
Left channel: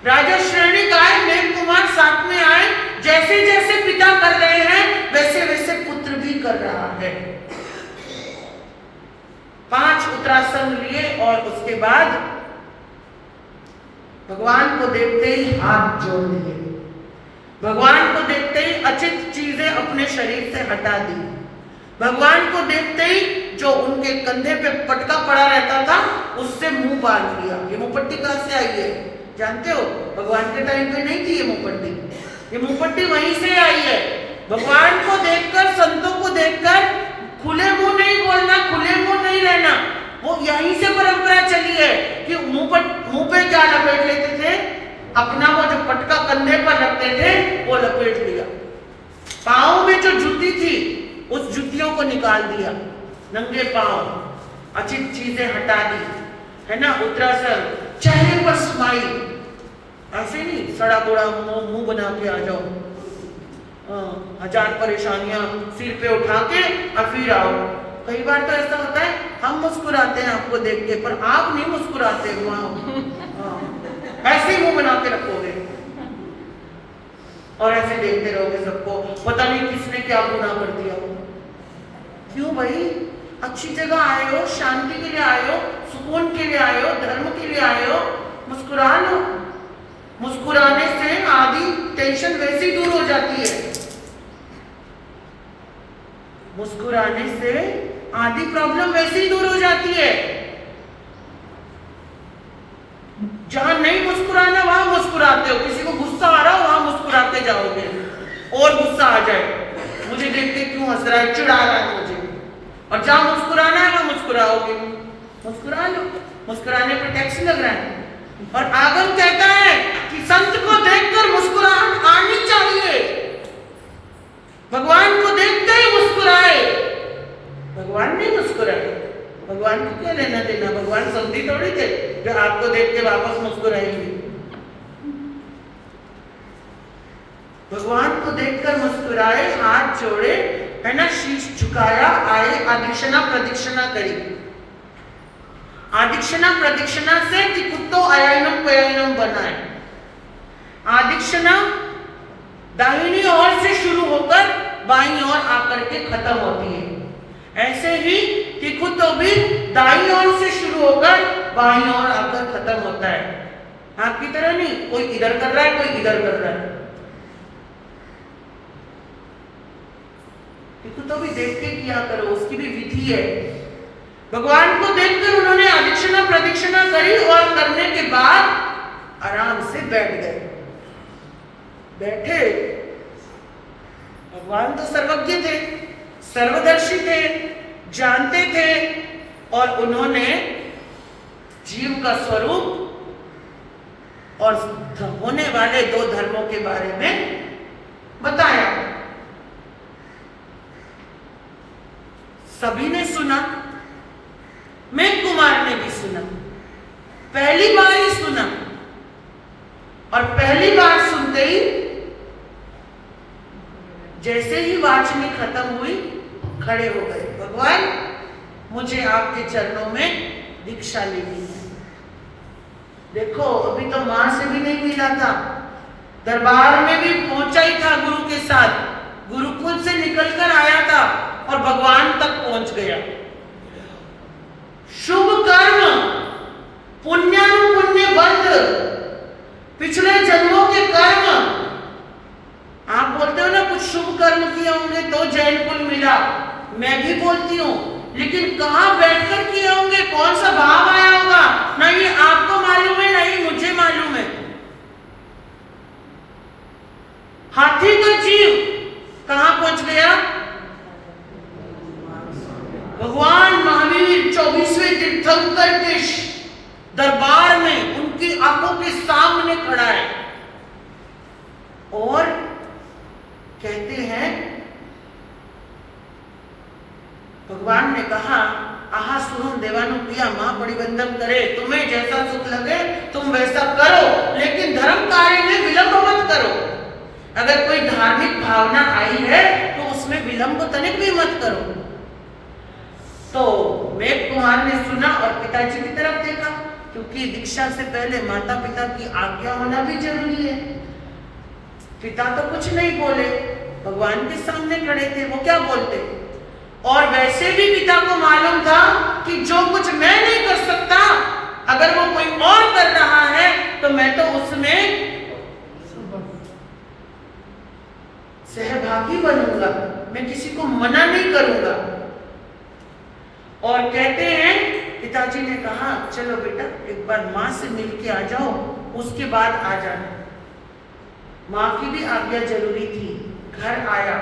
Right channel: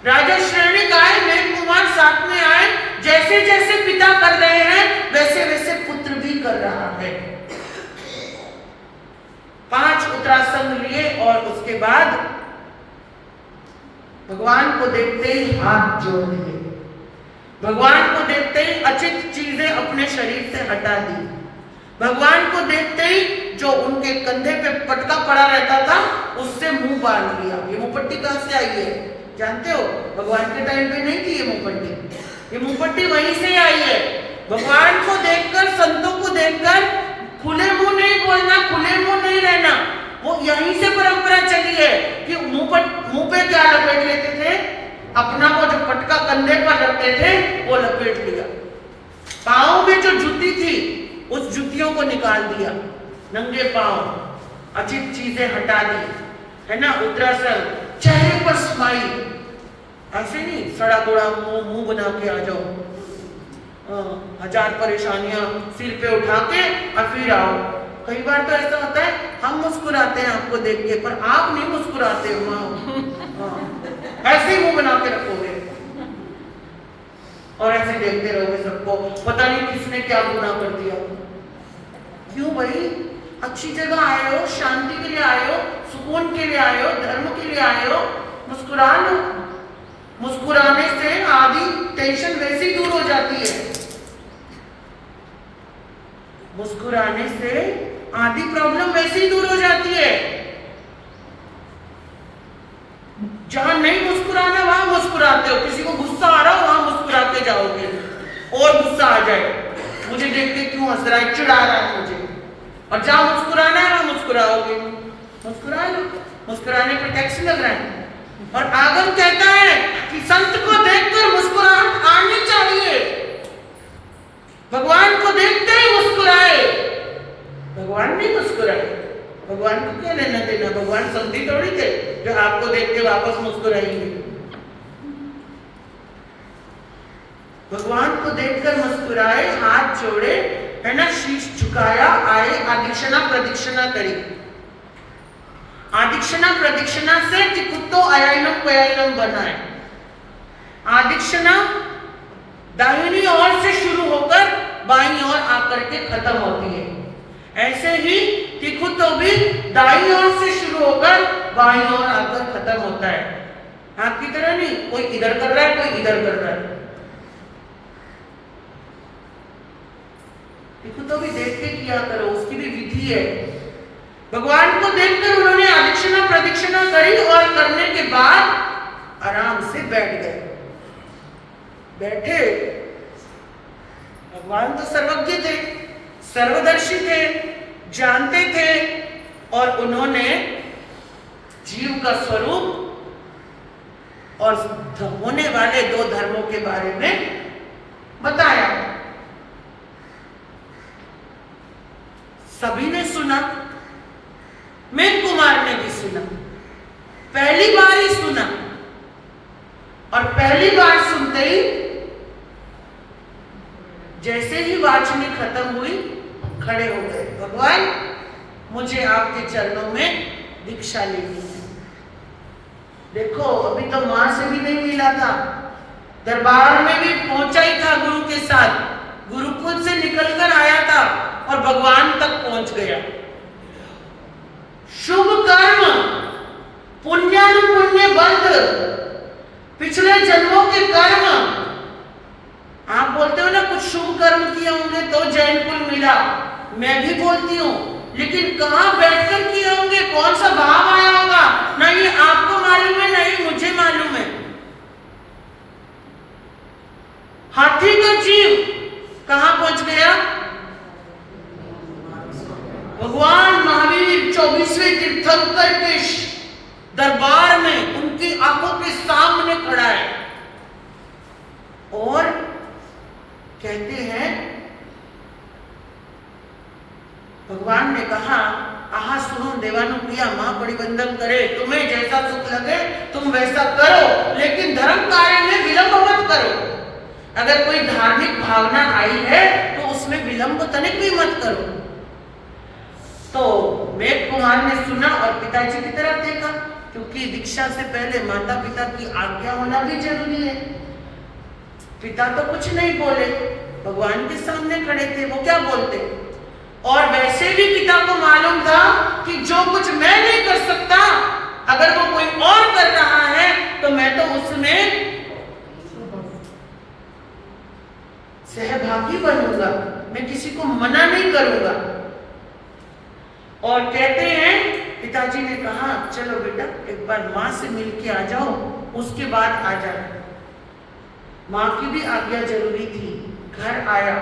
राजा श्रेणिक आए, मेघ कुमार साथ में आए। जैसे जैसे पिता कर रहे हैं वैसे वैसे पुत्र भी कर रहा है। 5 उत्तरासन लिए और उसके बाद भगवान को देखते ही हाथ जोड़ दिए। भगवान को देखते ही अचित चीजें अपने शरीर से हटा दी। भगवान को देखते ही जो उनके कंधे पे पटका पड़ा रहता था उससे मुंह बांध लिया। ये मुंहपट्टी कहां से आई है जानते हो? भगवान के टाइम पे नहीं थी ये मुंहपट्टी, ये मुंहपट्टी वहीं से आई है। भगवान को देखकर, संतों को देखकर खुले मुंह नहीं बोलना, खुले मुंह नहीं रहना, वो यहीं से परंपरा चली है कि मुंह पे क्या लपेट लेते थे, अपना वो जो पटका कंधे पर रखते थे वो लपेट लिया। पाँव में जो जूती थी उस जूतियों को निकाल दिया, नंगे पाँव, अचित चीजें हटा दी, है ना। उत्तरासन, चेहरे पर स्माइल, ऐसे नहीं सड़ा कोड़ा मुंह बना के आ जाओ, 1000 परेशानियां सिर पे उठा के और फिर आओ। कई बार तो ऐसा होता है हम मुस्कुराते हैं आपको देख के, पर आप नहीं मुस्कुराते हो, ऐसे ही मुंह बना के रखोगे और ऐसे देखते रहोगे सबको, पता नहीं किसने क्या गुनाह कर दिया। क्यों भाई? अच्छी जगह आए हो, शांति के लिए आए हो, सुकून के लिए आए हो, धर्म के लिए आए हो, मुस्कुरा लो। मुस्कुराने से आधी टेंशन वैसे ही दूर हो जाती है। मुस्कुराने से आधी प्रॉब्लम वैसे ही दूर हो जाती है। जहां नहीं मुस्कुराना वहां मुस्कुराते हो, किसी को गुस्सा आ रहा हो वहां मुस्कुराते जाओगे और गुस्सा आ जाए, मुझे देख के क्यों हंस रहा है, चिढ़ा रहा है मुझे, और जहां मुस्कुराना है वहां मुस्कुराओगे। मुस्कुरा लो, मुस्कुराने पर टैक्स लग रहा है। और आगम कहता है कि संत को देखकर मुस्कुराहट आनी चाहिए। भगवान को देखते ही मुस्कुराए, भगवान नहीं मुस्कुराए। भगवान को क्या लेना देना, भगवान संती थोड़ी थे जो आपको देख के वापस मुस्कुराएंगे। भगवान को देखकर मुस्कुराए, हाथ जोड़े, है ना, शीश झुकाया, आए, आदिक्षणा प्रदक्षिणा करी। आदिक्षणा प्रदक्षिणा से तिकुत्तो अयाइनम पयाइनम बना है। आदिक्षणा दाहिनी ओर से शुरू होकर बाईं ओर आकर के खत्म होती है। ऐसे ही तिकुत्तो भी दाईं ओर से शुरू होकर बाईं ओर आकर खत्म होता है। आपकी तरह नहीं, कोई इधर कर रहा है, कोई इधर कर रहा है। तिकुत्तो भी देख के किया करो, उसकी भी विधि है। भगवान को देखकर उन्होंने आदिक्षणा प्रदक्षिणा करी और करने के बाद आराम से बैठ गए। बैठे, भगवान तो सर्वज्ञ थे, सर्वदर्शी थे, जानते थे, और उन्होंने जीव का स्वरूप और होने वाले 2 धर्मों के बारे में बताया। सभी ने सुना, मेघ कुमार ने भी सुना, पहली बार ही सुना, और पहली बार सुनते ही जैसे ही वाचनी खत्म हुई खड़े हो गए। भगवान, मुझे आपके चरणों में दीक्षा लेनी है। देखो, अभी तो मां से भी नहीं मिला था, दरबार में भी पहुंचा ही था गुरु के साथ, गुरुकुल से निकलकर आया था और भगवान तक पहुंच गया। शुभ कर्म, पुण्यानुपुण्य बंध, पिछले जन्मों के कर्म। आप बोलते हो ना कुछ शुभ कर्म किए होंगे तो जैन कुल मिला, मैं भी बोलती हूँ, लेकिन कहां बैठकर किए होंगे, कौन सा भाव आया होगा, ना ये आपको मालूम है, ना ही मुझे मालूम है। हाथी का जीव कहां पहुंच गया? भगवान महावीर 24वें तीर्थंकर के दरबार में उनकी आंखों के सामने खड़ा है और कहते हैं, भगवान ने कहा, आहा सुहम देवानु प्रिया मां परिबंधन करे, तुम्हें जैसा सुख लगे तुम वैसा करो, लेकिन धर्म कार्य में विलंब मत करो। अगर कोई धार्मिक भावना आई है तो उसमें विलंब तनिक भी मत करो। तो मेघ कुमार ने सुना और पिताजी की तरफ देखा, क्योंकि दीक्षा से पहले माता पिता की आज्ञा होना भी जरूरी है। पिता तो कुछ नहीं बोले, भगवान के सामने खड़े थे, वो क्या बोलते। और वैसे भी पिता को मालूम था कि जो कुछ मैं नहीं कर सकता, अगर वो कोई और कर रहा है तो मैं तो उसमें सहभागी बनूंगा, मैं किसी को मना नहीं करूंगा। और कहते हैं पिताजी ने कहा चलो बेटा एक बार माँ से मिलके आ जाओ, उसके बाद आ जाना। माँ की भी आज्ञा जरूरी थी। घर आया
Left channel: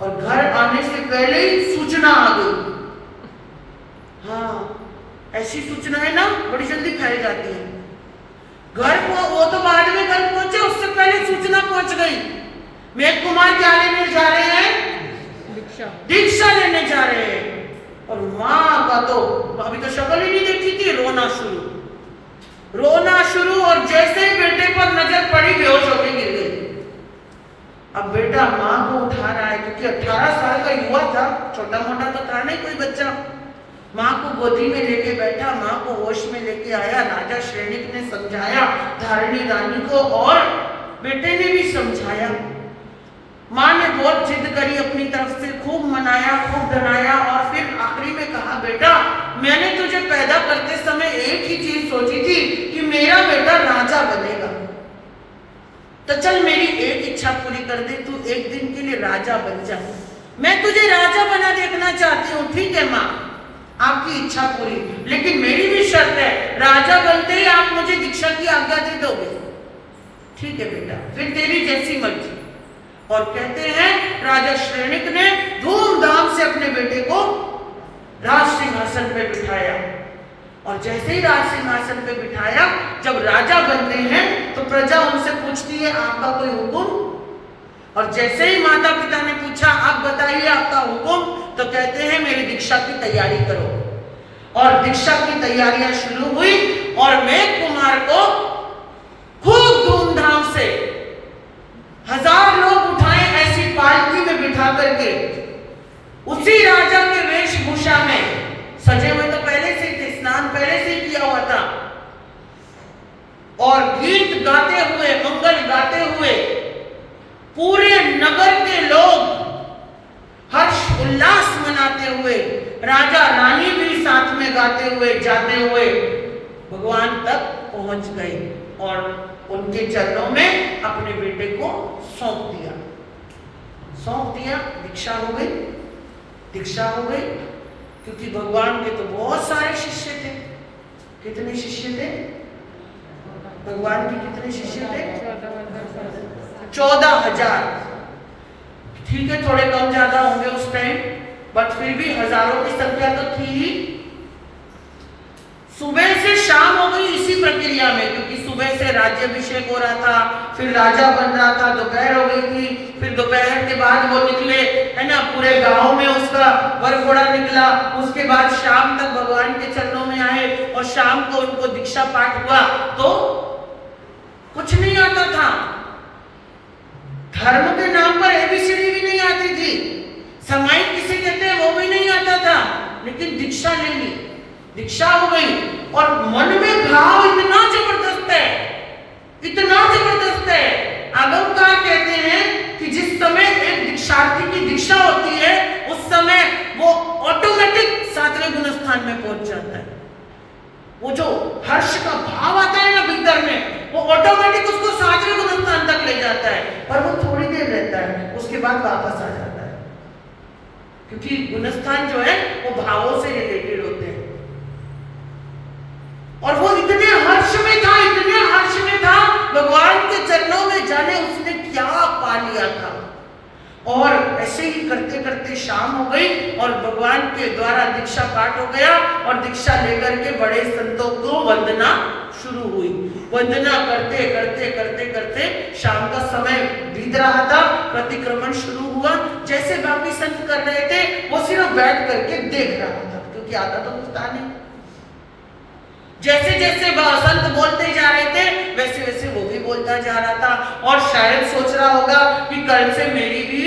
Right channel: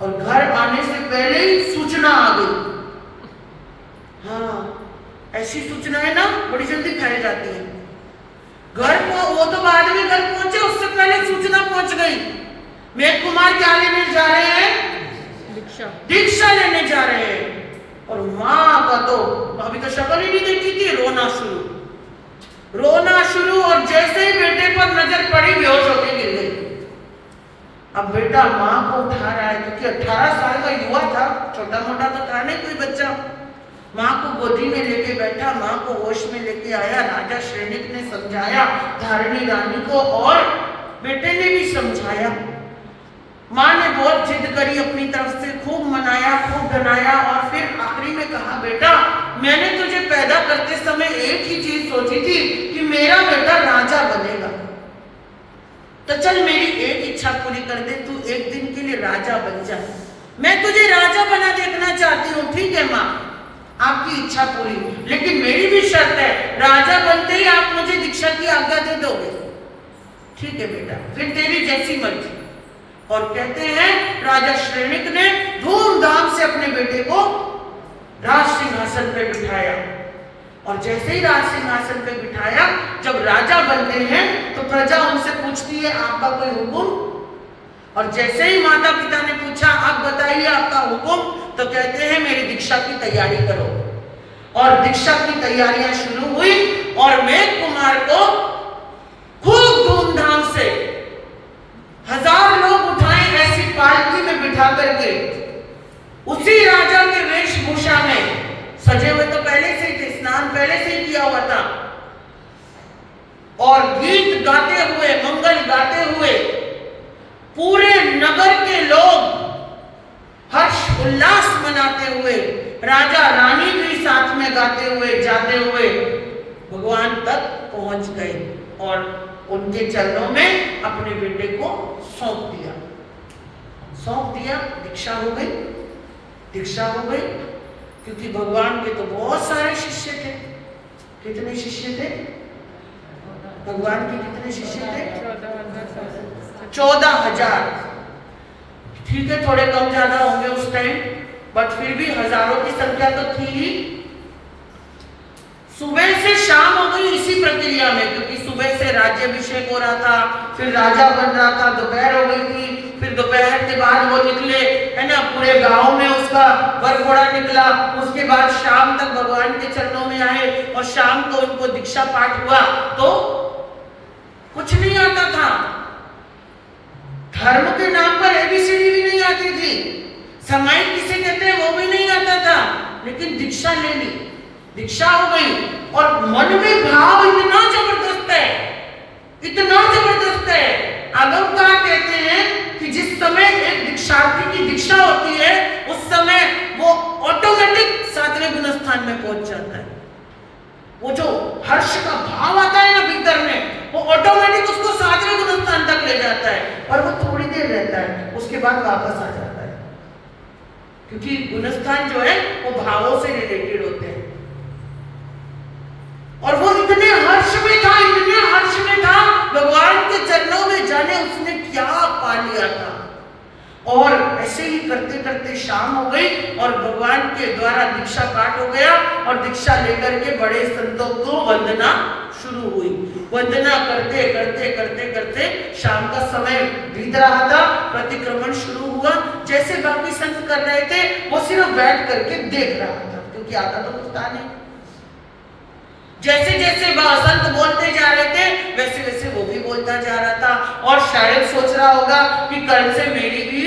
और घर आने से पहले ही सूचना आ गई। हाँ, ऐसी सूचनाएं ना बड़ी जल्दी फैल जाती है। घर को वो तो बाद में घर पहुंचे, उससे पहले सूचना पहुंच गई। मेघ कुमार क्या लेने जा रहे हैं? दीक्षा लेने जा रहे हैं। और माँ का तो अभी तो शक्ल ही नहीं देखी थी, रोना शुरू। और जैसे ही बेटे पर नजर पड़ी बेहोश होकर गिर गई। अब बेटा माँ को उठा रहा है, क्योंकि 18 साल का युवा था, छोटा मोटा तो था नहीं कोई बच्चा। माँ को गोदी में लेके बैठा, माँ को होश में लेके आया। राजा श्रेणिक ने समझाया धारिणी रानी को, और बेटे ने भी समझाया। माँ ने बहुत जिद करी अपनी तरफ से, खूब मनाया, खूब डराया, और फिर आखिरी में कहा बेटा मैंने तुझे पैदा करते समय एक ही चीज सोची थी कि मेरा बेटा राजा बनेगा, तो चल मेरी एक इच्छा पूरी कर दे, तू एक दिन के लिए राजा बन जा। मैं तुझे राजा बना देखना चाहती हूँ। ठीक है माँ, आपकी इच्छा पूरी, लेकिन मेरी भी शर्त है, राजा बनते ही आप मुझे दीक्षा की आज्ञा दे दोगे। ठीक है बेटा, फिर तेरी जैसी मर्जी। और कहते हैं राजा श्रेणिक ने धूमधाम से अपने बेटे को राज सिंहासन पे बिठाया। और जैसे ही राज सिंहासन पे बिठाया, जब राजा बनते हैं तो प्रजा उनसे पूछती है आपका कोई हुक्म। और जैसे ही माता पिता ने पूछा आप बताइए आपका हुक्म, तो कहते हैं मेरी दीक्षा की तैयारी करो। और दीक्षा की तैयारियां शुरू हुई, और मेघ कुमार को खूब धूमधाम से 1000 लोग उठाए ऐसी पालकी में बिठा करके, उसी राजा के वेशभूषा में सजे हुए तो पहले से थे, स्नान पहले से ही किया हुआ था, और गीत गाते हुए, मंगल गाते हुए पूरे नगर के लोग हर्ष उल्लास मनाते हुए, राजा रानी भी साथ में गाते हुए जाते हुए भगवान तक पहुंच गए और उनके चरणों में अपने बेटे को सौंप दिया। दीक्षा हो गई, क्योंकि भगवान के तो बहुत सारे शिष्य थे। कितने शिष्य थे भगवान के? कितने शिष्य थे? 14,000। ठीक है, थोड़े कम ज्यादा होंगे उस टाइम, बट फिर भी हजारों की संख्या तो थी ही। सुबह से शाम हो गई इसी प्रक्रिया में, क्योंकि सुबह से राज्याभिषेक हो रहा था, फिर राजा बन रहा था, दोपहर हो गई थी, फिर दोपहर के बाद वो निकले, है ना, पूरे गांव में उसका वरघोड़ा निकला। उसके बाद शाम तक भगवान के चरणों में आए, और शाम को उनको दीक्षा पाठ हुआ। तो कुछ नहीं आता था, धर्म के नाम पर एबीसीडी भी नहीं आती थी, सामायिक किसे कहते हैं वो भी नहीं आता था, लेकिन दीक्षा ले ली, दीक्षा हो गई। और मन में भाव इतना जबरदस्त है। आगमकार कहते हैं कि जिस समय एक दीक्षार्थी की दीक्षा होती है, उस समय वो ऑटोमेटिक 7वें गुणस्थान में पहुंच जाता है। वो जो हर्ष का भाव आता है ना भीतर में, वो ऑटोमेटिक उसको 7वें गुणस्थान तक ले जाता है, और वो थोड़ी देर रहता है, उसके बाद वापस आ जाता है, क्योंकि गुणस्थान जो है वो भावों से रिलेटेड होते हैं। और वो इतने हर्ष में था, भगवान के चरणों में जाने उसने क्या पा लिया था। और ऐसे ही करते करते शाम हो गई, और भगवान के द्वारा दीक्षा पाठ हो गया, और दीक्षा लेकर के बड़े संतों को वंदना शुरू हुई। वंदना करते करते करते करते शाम का समय बीत रहा था, प्रतिक्रमण शुरू हुआ। जैसे बाकी संत कर रहे थे, वो सिर्फ बैठ करके देख रहा था, क्योंकि आता तो कुछ था नहीं। जैसे जैसे संत बोलते जा रहे थे, वैसे वैसे वो भी बोलता जा रहा था, और शायद सोच रहा होगा कि कल से मेरी भी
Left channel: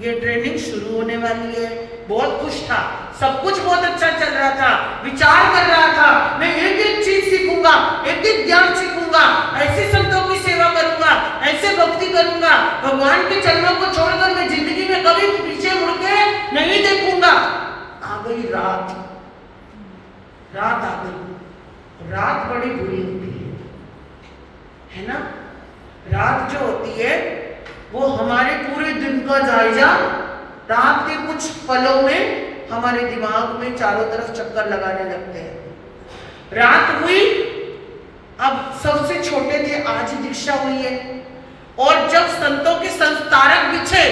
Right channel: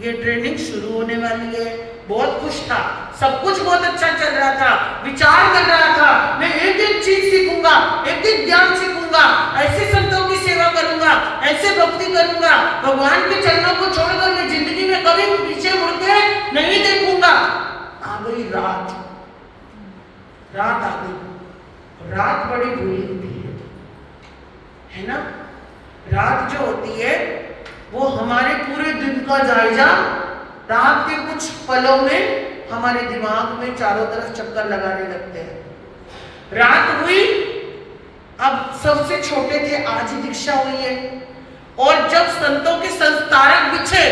ये ट्रेनिंग शुरू होने वाली है, बहुत खुश था, सब कुछ बहुत अच्छा चल रहा था, विचार कर रहा था मैं एक एक चीज सीखूंगा, एक एक ज्ञान सीखूंगा, ऐसे संतों की सेवा करूंगा, ऐसे भक्ति करूंगा, भगवान के चरणों को छोड़कर मैं जिंदगी में कभी पीछे मुड़ के नहीं देखूंगा। आ गई रात, रात आ गई। रात बड़ी बुरी होती है ना। रात जो होती है वो हमारे पूरे दिन का जायजा रात के कुछ पलों में हमारे दिमाग में चारों तरफ चक्कर लगाने लगते हैं। रात हुई, अब सबसे छोटे थे आज दीक्षा हुई है, और जब संतों के संस्तारक बिछे,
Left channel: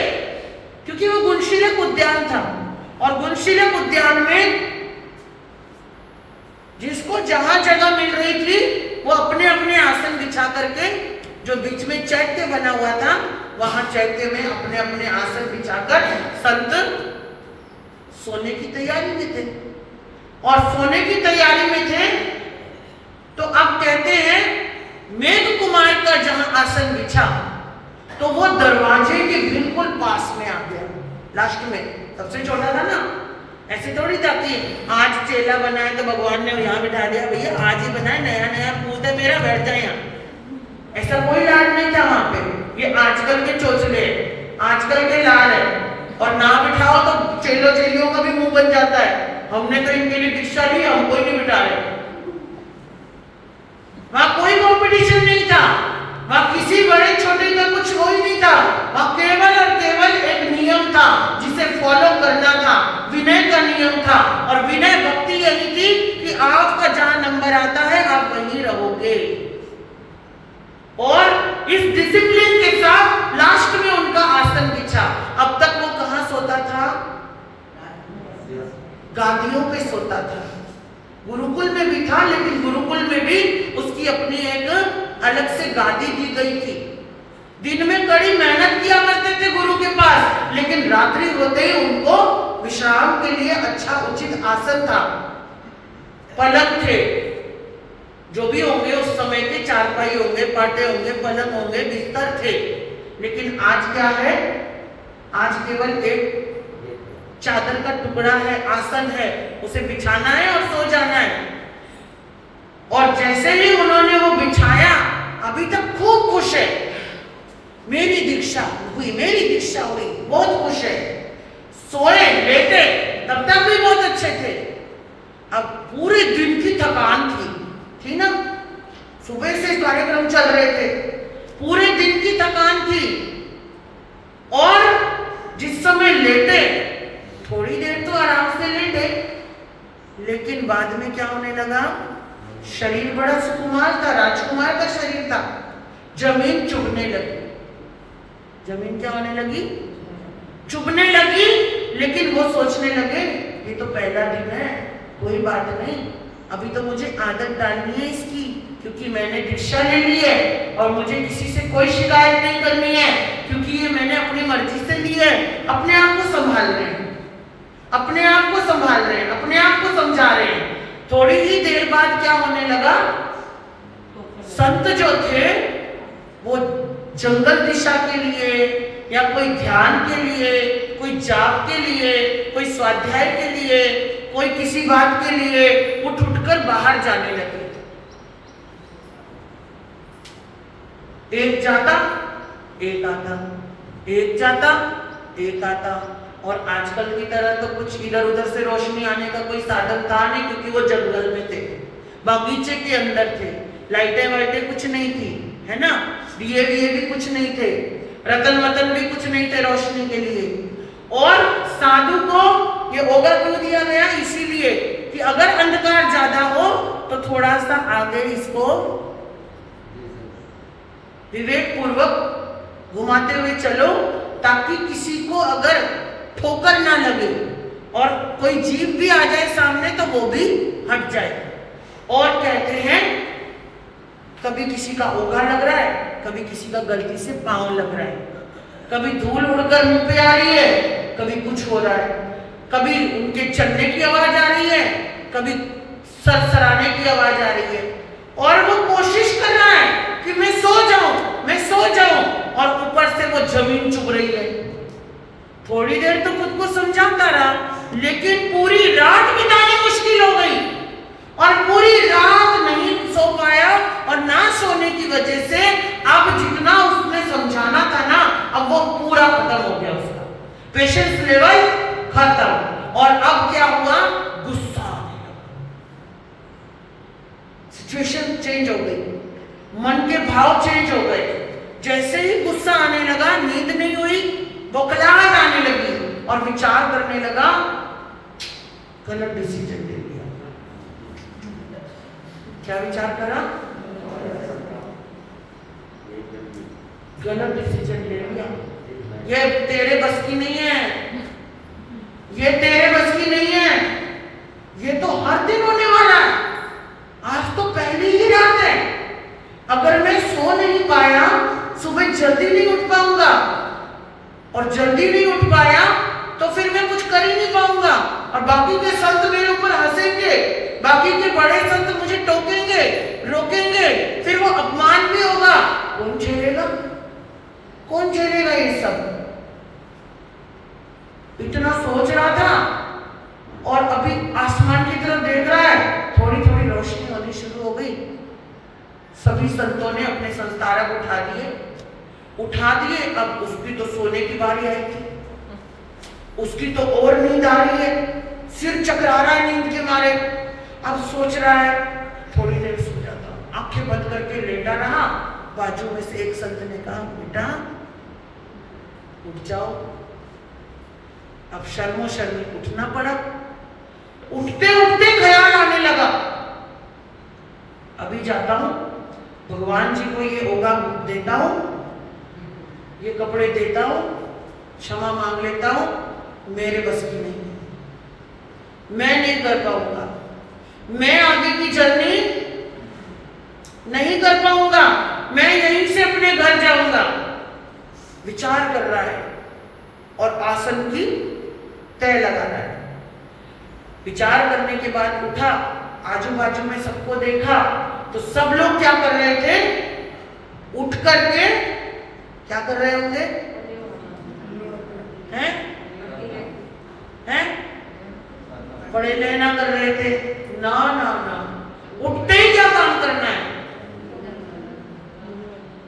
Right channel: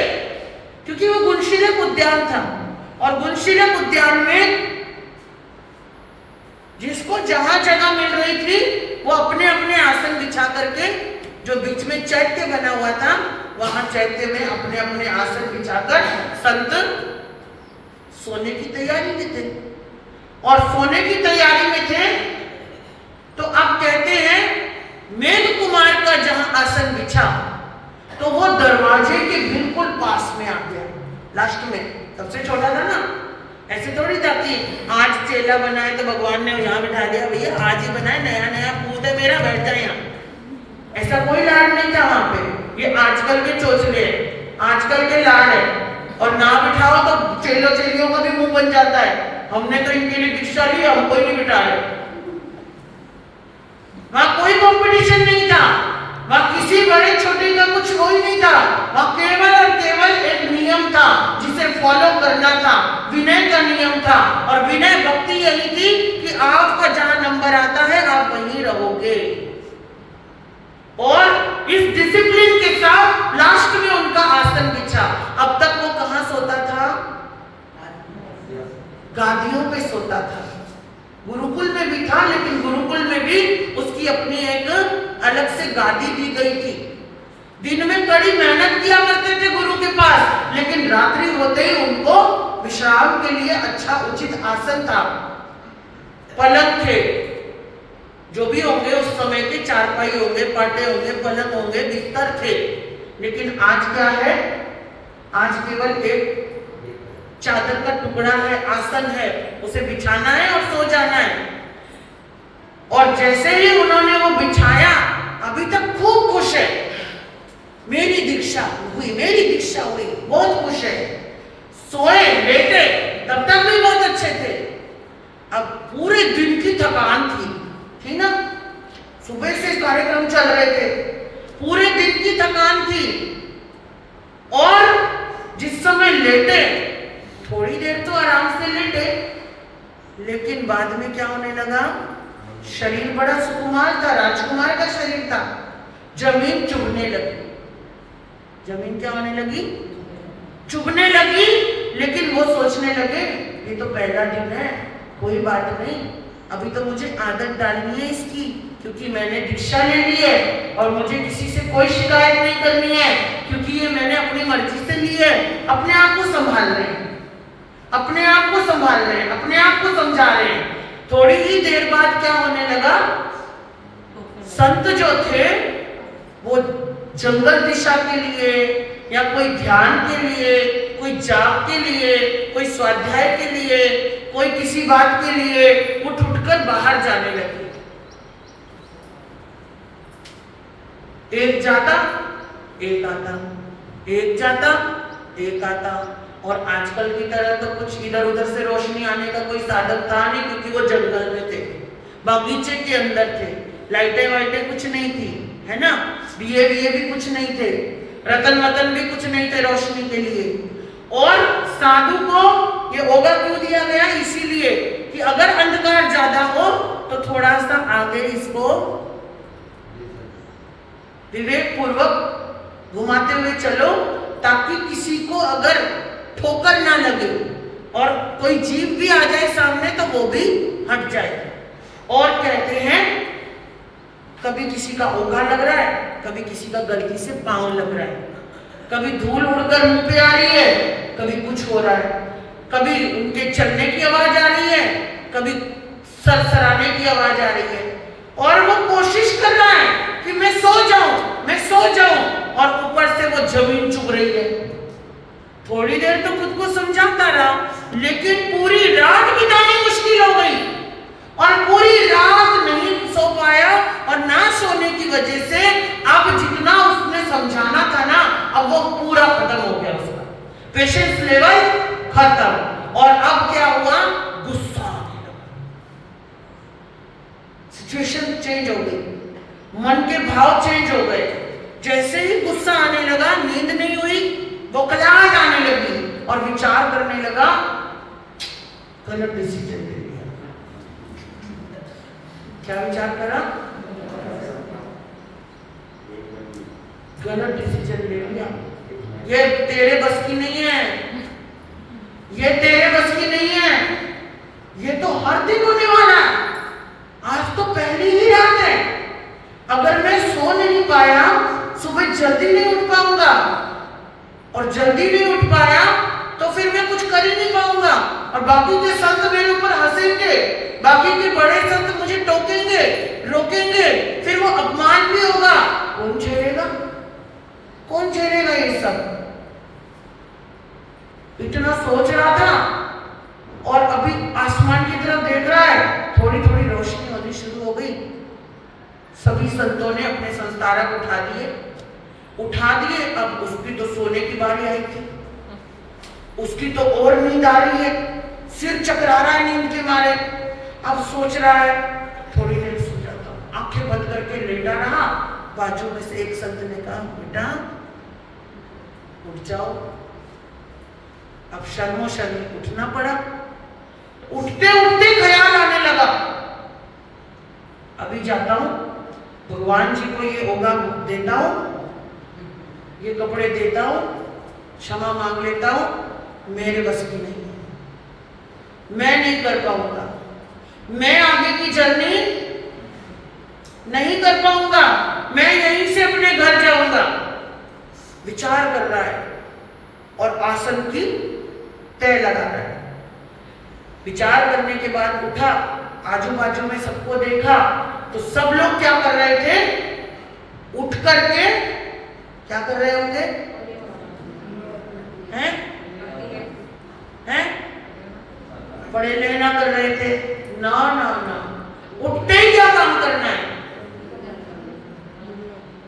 क्योंकि वो गुणशीलक उद्यान था, और गुणशीलक उद्यान में जिसको जहां जगह मिल रही थी वो अपने अपने आसन बिछा करके, जो बीच में चैत्य बना हुआ था वहां चैत्य में अपने अपने आसन बिछाकर संत सोने की तैयारी में थे। और सोने की तैयारी में थे तो अब कहते हैं मेघ कुमार का जहां आसन बिछा तो वो दरवाजे के बिल्कुल पास में आ गया, लास्ट में, सबसे छोटा था ना। ऐसे थोड़ी था कि आज चेला बनाए तो भगवान ने यहाँ बिठा दिया, भैया आज ही बनाए, नया नया पूत है मेरा, बैठ जाए यहाँ। ऐसा कोई लाड नहीं था वहां पे। ये आजकल के चोचले, आजकल के लाड है, और ना बिठाओ तो चेलो चेलियों का भी मुंह बन जाता है। हमने तो इनके लिए दीक्षा ली, हम कोई नहीं बिठा रहे। वहां कोई कंपटीशन नहीं था, वहां किसी बड़े छोटे का कुछ हो ही नहीं था। वहां केवल और केवल एक नियम था जिसे फॉलो करना था, विनय का नियम था। और विनय भक्ति यही थी कि आपका जहां नंबर आता है आप वहीं रहोगे। और इस डिसिप्लिन के साथ लास्ट में उनका आसन बिछा। अब तक वो कहां सोता था? गादियों पे सोता था। गुरुकुल में भी था, लेकिन गुरुकुल में भी उसकी अपनी एक अलग से गादी दी गई थी। दिन में कड़ी मेहनत किया करते थे गुरु के पास, लेकिन रात्रि होते ही उनको विश्राम के लिए अच्छा उचित आसन था, पलंग थे, जो भी होंगे उस समय के, चारपाई होंगे, पाटे होंगे, पलंग होंगे, बिस्तर थे। लेकिन आज क्या है? आज केवल एक चादर का टुकड़ा है, आसन है, उसे बिछाना है और सो जाना है। और जैसे ही उन्होंने वो बिछाया, अभी तक खूब खुश है, मेरी दीक्षा हुई, मेरी दीक्षा हुई, बहुत खुश है। सोए लेटे तब तक भी बहुत अच्छे थे। अब पूरे दिन की थकान थी ना, सुबह से कार्यक्रम चल रहे थे, पूरे दिन की थकान थी। और जिस समय लेटे, थोड़ी देर तो आराम से लेटे, लेकिन बाद में क्या होने लगा? शरीर बड़ा सुकुमार था, राजकुमार का शरीर था, जमीन चुभने लगी। जमीन क्या होने लगी? चुभने लगी। लेकिन वो सोचने लगे ये तो पहला दिन है, कोई बात नहीं, अभी तो मुझे आदत डालनी है इसकी, क्योंकि मैंने दीक्षा ले ली है और मुझे किसी से कोई शिकायत नहीं करनी है, क्योंकि ये मैंने अपनी मर्जी से ली है। अपने आप को संभाल रहे हैं, अपने आप को संभाल रहे हैं, अपने आप को समझा रहे हैं। थोड़ी ही देर बाद क्या होने लगा? संत जो थे वो जंगल दिशा के लिए, या कोई ध्यान के लिए, कोई जाप के लिए, कोई स्वाध्याय के लिए, कोई किसी बात के लिए उठ उठकर बाहर जाने लगे। एक जाता, एक आता, एक जाता, एक आता। और आजकल की तरह तो कुछ इधर उधर से रोशनी आने का कोई साधन था नहीं, क्योंकि वो जंगल में थे, बागीचे के अंदर थे, लाइटें वाइटें कुछ नहीं थी, है ना, दिए विए भी कुछ नहीं थे, रतन वतन भी कुछ नहीं थे रोशनी के लिए। और साधु को ये ओगा क्यों दिया गया? इसीलिए कि अगर अंधकार ज्यादा हो तो थोड़ा सा आगे इसको विवेक पूर्वक घुमाते हुए चलो, ताकि किसी को अगर ठोकर ना लगे और कोई जीव भी आ जाए सामने तो वो भी हट जाए। और कहते हैं कभी किसी का ओघा लग रहा है, कभी किसी का गलती से पांव लग रहा है, कभी धूल उड़कर मुंह पे आ रही है, कभी कुछ हो रहा है, कभी उनके चलने की आवाज आ रही है, कभी सरसराने की आवाज आ रही है, और वो कोशिश कर रहा है कि मैं सो जाऊं, मैं सो जाऊं, और ऊपर से वो जमीन चुभ रही है। थोड़ी देर तो खुद को समझाता रहा, लेकिन पूरी रात बितानी मुश्किल हो गई और पूरी रात नहीं सो पाया और ना सोने की वजह से अब जितना उसने समझाना था ना अब वो पूरा खत्म हो गया, उसका पेशेंस लेवल खत्म। और अब क्या हुआ, गुस्सा आने लगा, सिचुएशन चेंज हो गई, मन के भाव चेंज हो गए। जैसे ही गुस्सा आने लगा, नींद नहीं हुई, बौखलाहट आने लगी और विचार करने लगा, गलत डिसीजन ले लिया। क्या विचार करा, गलत डिसीजन ले लिया। ये तेरे बस की नहीं है, ये तेरे बस की नहीं है, ये तो हर दिन होने वाला है। आज तो पहली ही रात है, अगर मैं सो नहीं पाया, सुबह जल्दी नहीं उठ पाऊंगा और जल्दी नहीं उठ पाया तो फिर मैं कुछ कर ही नहीं पाऊंगा और बाकी के संत मेरे ऊपर हंसेंगे, बाकी के बड़े संत मुझे टोकेंगे, रोकेंगे, फिर वो अपमान भी होगा। कौन झेलेगा, कौन झेलेगा ये सब? इतना सोच रहा था और अभी आसमान की तरफ देख रहा है, थोड़ी थोड़ी रोशनी होनी शुरू हो गई। सभी संतों ने अपने संस्कारक उठा दिए। अब उसकी तो सोने की बारी आई थी, उसकी तो और नींद आ रही है, सिर चकरा रहा है नींद के मारे। अब सोच रहा है थोड़ी देर सो जाता हूं, आंखें बंद करके लेटा रहा। बाजू में से एक संत ने कहा, बेटा उठ जाओ। अब शर्मो शर्मी उठना पड़ा। उठते उठते ख्याल आने लगा, अभी जाता हूं, भगवान जी को ये होगा देता हूं, ये कपड़े देता हूं, क्षमा मांग लेता हूं, मेरे बस की नहीं है, मैं नहीं कर पाऊंगा, मैं आगे की जर्नी नहीं कर पाऊंगा, मैं यहीं से अपने घर जाऊंगा। विचार कर रहा है और आसन की तय लगा रहा है। विचार करने के बाद उठा, आजू बाजू में सबको देखा तो सब लोग क्या कर रहे थे, उठ करके क्या कर रहे होंगे, हैं हैं पढ़े लेना कर रहे थे। ना ना ना, उठते ही क्या काम करना है,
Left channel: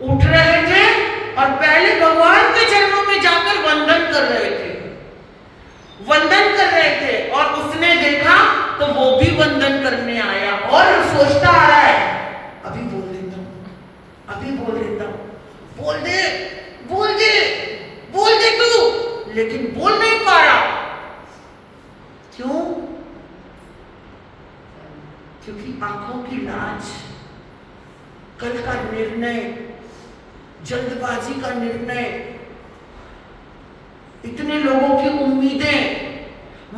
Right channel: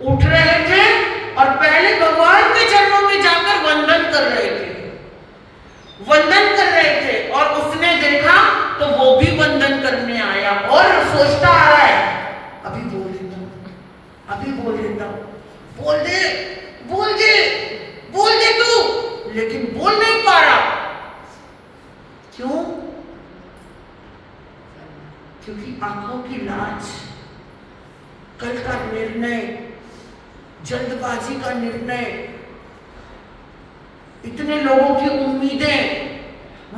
उठ रहे थे और पहले भगवान के चरणों में जाकर वंदन कर रहे थे, वंदन कर रहे थे। और उसने देखा तो वो भी वंदन करने आया और सोचता आ रहा है, अभी बोल देता हूं, अभी बोल देता हूं, बोल दे बोल दे बोल दे तू, लेकिन बोल नहीं पा रहा। क्यों? क्योंकि आंखों की लाज, कल का निर्णय, जल्दबाजी का निर्णय, इतने लोगों की उम्मीदें,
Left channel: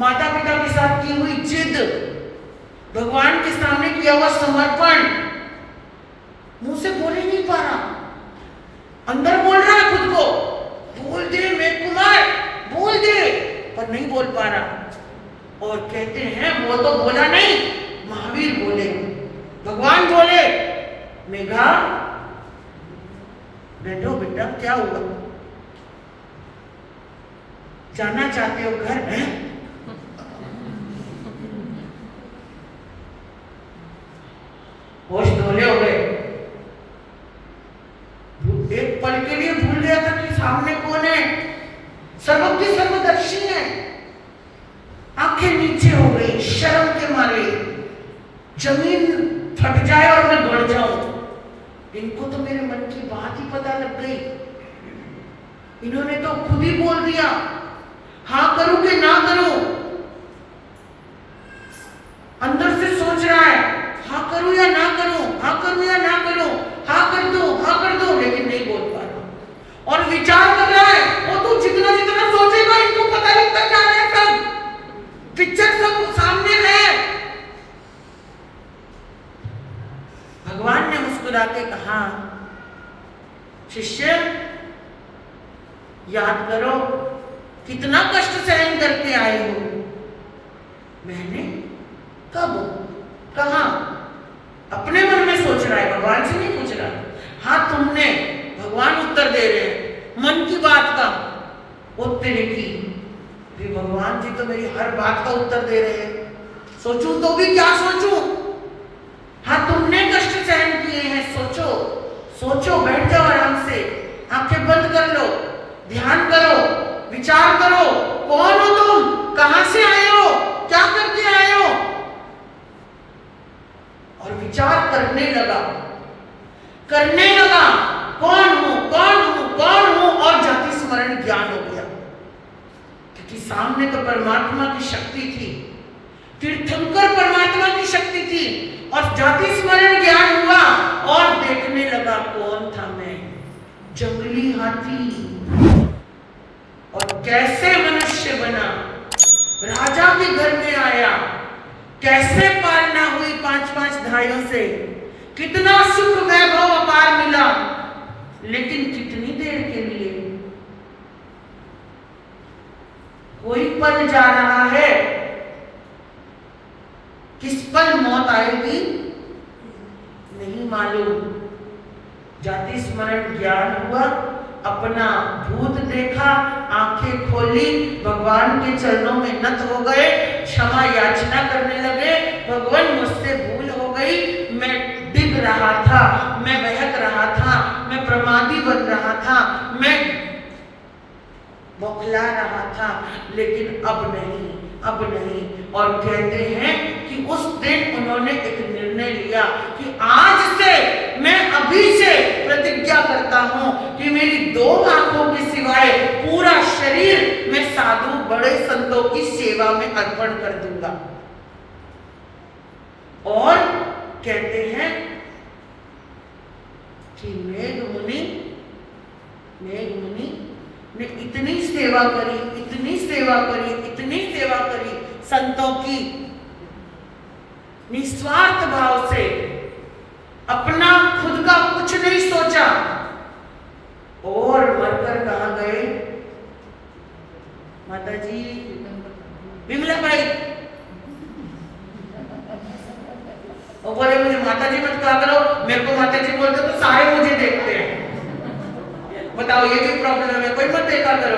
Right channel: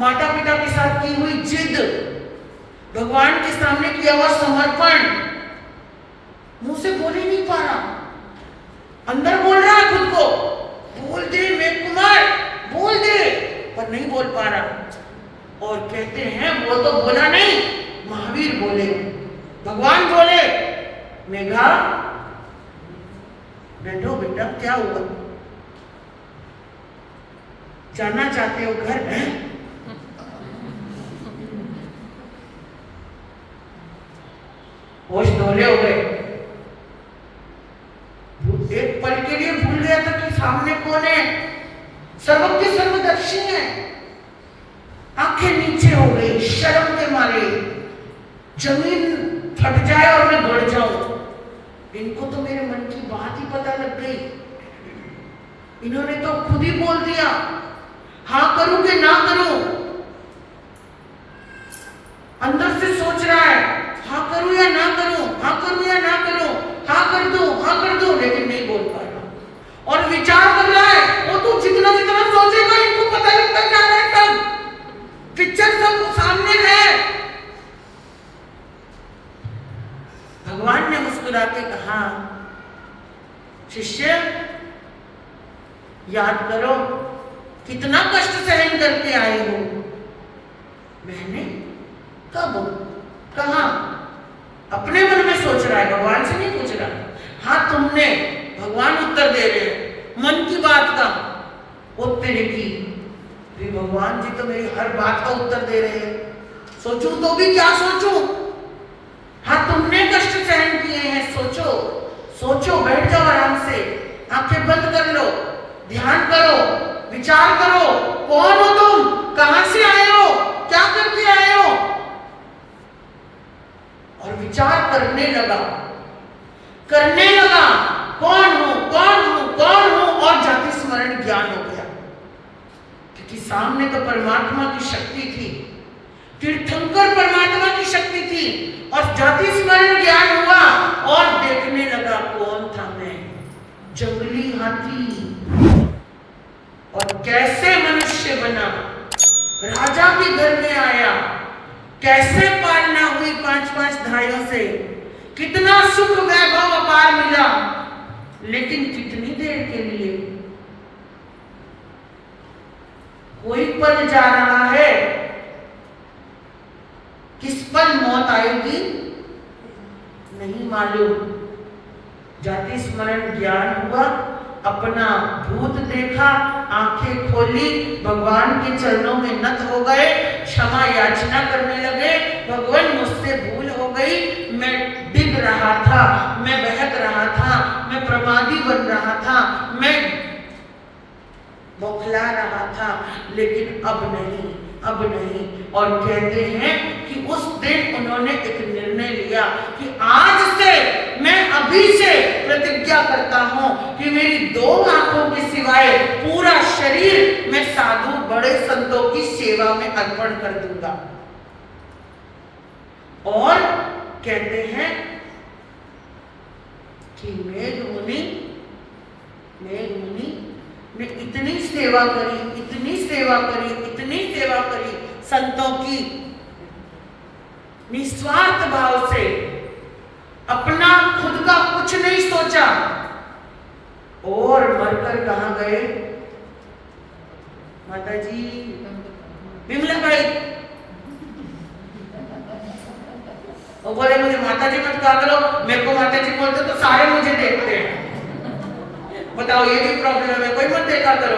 माता पिता के साथ की हुई जिद, भगवान के सामने किया हुआ समर्पण, मुंह से बोल ही नहीं पा रहा, अंदर बोल रहा है खुद को, बोल दे मेघ कुमार, बोल दे, पर नहीं बोल पा रहा। और कहते हैं वो तो बोला नहीं, महावीर बोले, भगवान बोले, मेघा बैठो बेटा, क्या हुआ, जाना चाहते हो घर? है होश डोले हो गए। एक पल के लिए भूल गया था कि सामने कौन है, सर्वज्ञ सर्वदर्शी है। आंखें नीचे हो गई शर्म के मारे, जमीन फट जाए और मैं गड़ जाऊं। इनको तो मेरे मन की बात ही पता लग गई, इन्होंने तो खुद ही बोल दिया, हाँ करूं कि ना करूं। अंदर से सोच रहा है, हाँ करूं या ना करूं, हाँ करूं या ना करूं, हाँ कर दूं, लेकिन नहीं बोल पा रहा। और विचार कर रहा है, वो तो जितना जितना सोचेगा इनको पता लगता जा रहा है, सब पिक्चर सब सामने है। भगवान ने मुस्कुरा के कहा, शिष्य याद करो कितना कष्ट सहन करके आए हो। मैंने कब, कहा? अपने मन में सोच रहा है, भगवान से नहीं पूछ रहा। हाँ तुमने, भगवान उत्तर दे रहे हैं मन की बात का। वो तेरे की कि भगवान जी तो मेरी हर बात का उत्तर दे रहे हैं, सोचूं तो भी क्या सोचूं। हाँ, तुमने कष्ट सहन किए हैं, सोचो सोचो, बैठ जाओ आराम से, आंखें बंद कर लो, ध्यान करो, विचार करो, कौन हो तुम, कहां से आए हो, क्या करके आए हो। और विचार करने लगा, कौन हूं कौन हूं कौन हूं, और जाति स्मरण ज्ञान हो गया। क्योंकि सामने तो परमात्मा की शक्ति थी, तीर्थंकर परमात्मा की शक्ति थी, और जाति स्मरण ज्ञान हुआ और देखने लगा कौन था मैं, जंगली हाथी। और कैसे मनुष्य बना, राजा के घर में आया, कैसे पालना हुई 5-5 धाइयों से, कितना सुख वैभव अपार मिला, लेकिन कितनी देर के लिए। कोई पल जा रहा है, किस पल मौत आएगी नहीं मालूम। जाति स्मरण ज्ञान हुआ, अपना भूत देखा, आंखें खोली, भगवान के चरणों में नत हो गए, क्षमा याचना करने लगे। भगवान मुझसे भूल हो गई, मैं डिग रहा था, मैं बहक रहा था, मैं प्रमादी बन रहा था, मैं बौखला रहा था, लेकिन अब नहीं, अब नहीं। और कहते हैं कि उस दिन उन्होंने एक निर्णय लिया कि आज से, मैं अभी से प्रतिज्ञा करता हूं कि मेरी 2 आंखों के सिवाय पूरा शरीर मैं साधु बड़े संतों की सेवा में अर्पण कर दूंगा। और कहते हैं कि मेघ मुनि ने इतनी सेवा करी, इतनी सेवा करी, इतनी सेवा करी संतों की, निस्वार्थ भाव से, अपना खुद का कुछ नहीं सोचा, और मरकर कहां गए माता जी, विमला बाई। और बोले मुझे माता जी मत कहा करो, मेरे को माता जी बोलते तो सारे मुझे देखते हैं। बताओ, ये भी प्रॉब्लम है, कोई मत देखा करो।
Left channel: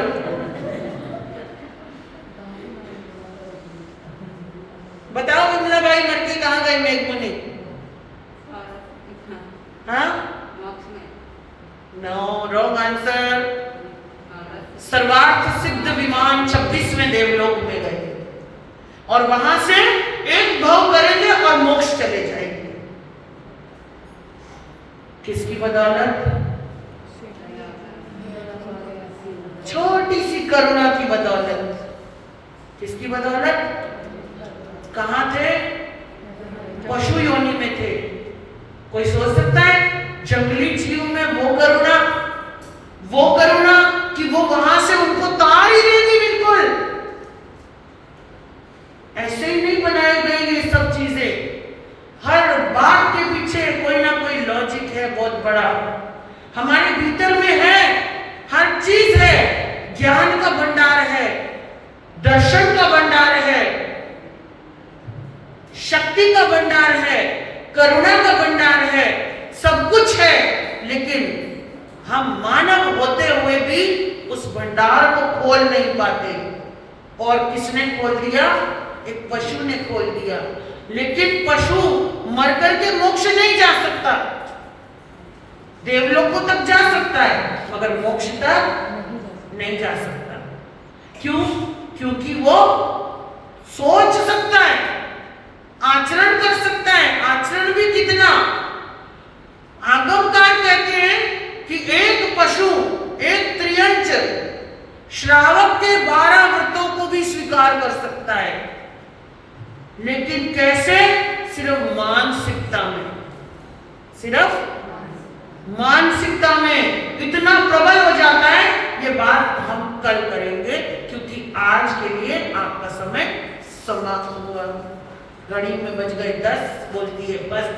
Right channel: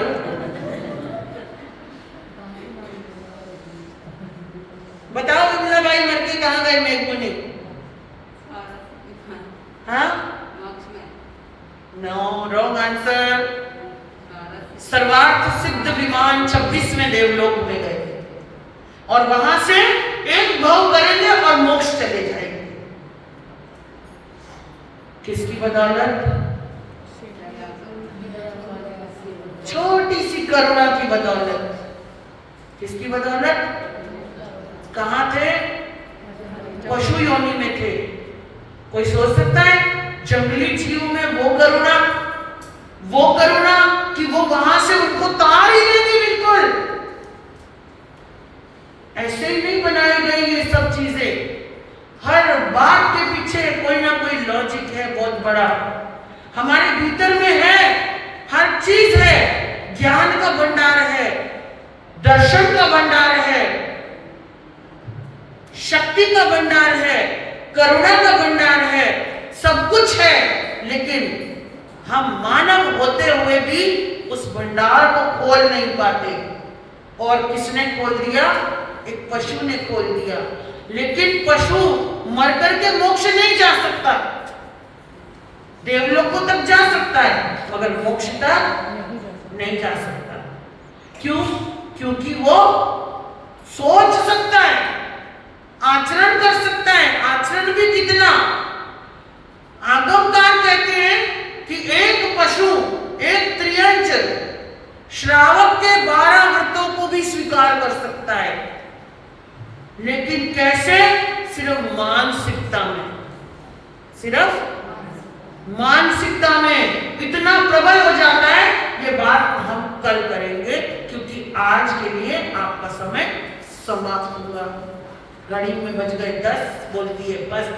बताओ विमला बाई मर के कहां गए मेघ मुनि? हाँ, नो, रॉन्ग आंसर। सर्वार्थ सिद्ध विमान 26वें देवलोक में गए, और वहां से एक भव करेंगे और मोक्ष चले जाएंगे। किसकी बदौलत? छोटी सी करुणा की बदौलत। किसकी बदौलत? कहां थे? पशु योनि में थे। कोई सोच सकता है जंगली जीव में वो करुणा कि वो वहां से उनको तार ही देगी बिल्कुल। ऐसे ही नहीं बनाई गई ये सब चीजें। हर बात के पीछे कोई ना कोई लॉजिक है बहुत बड़ा, हमारे भीतर में है, हर चीज है। ज्ञान का भंडार है, दर्शन का भंडार है, शक्ति का भंडार है, करुणा का भंडार है, सब कुछ है। लेकिन हम मानव होते हुए भी उस भंडार को खोल नहीं पाते। और किसने खोल दिया? एक पशु ने खोल दिया। लेकिन पशु मरकर के मोक्ष नहीं जा सकता, देवलोकों तक जा सकता है, मगर मोक्ष तक नहीं जा सकता। क्यों? क्योंकि वो सोच सकता है, आचरण कर सकता है। आचरण भी कितना? आगमकार कहते हैं कि एक पशु, एक त्रियंच श्रावक के 12 व्रतों को भी स्वीकार कर सकता है। लेकिन कैसे? सिर्फ मानसिकता में, सिर्फ मानसिकता में इतना प्रबल हो जाता है। ये बात हम कल करेंगे, क्योंकि आज के लिए आपका समय समाप्त हुआ। घड़ी में बज गए 10, बोलती है बस।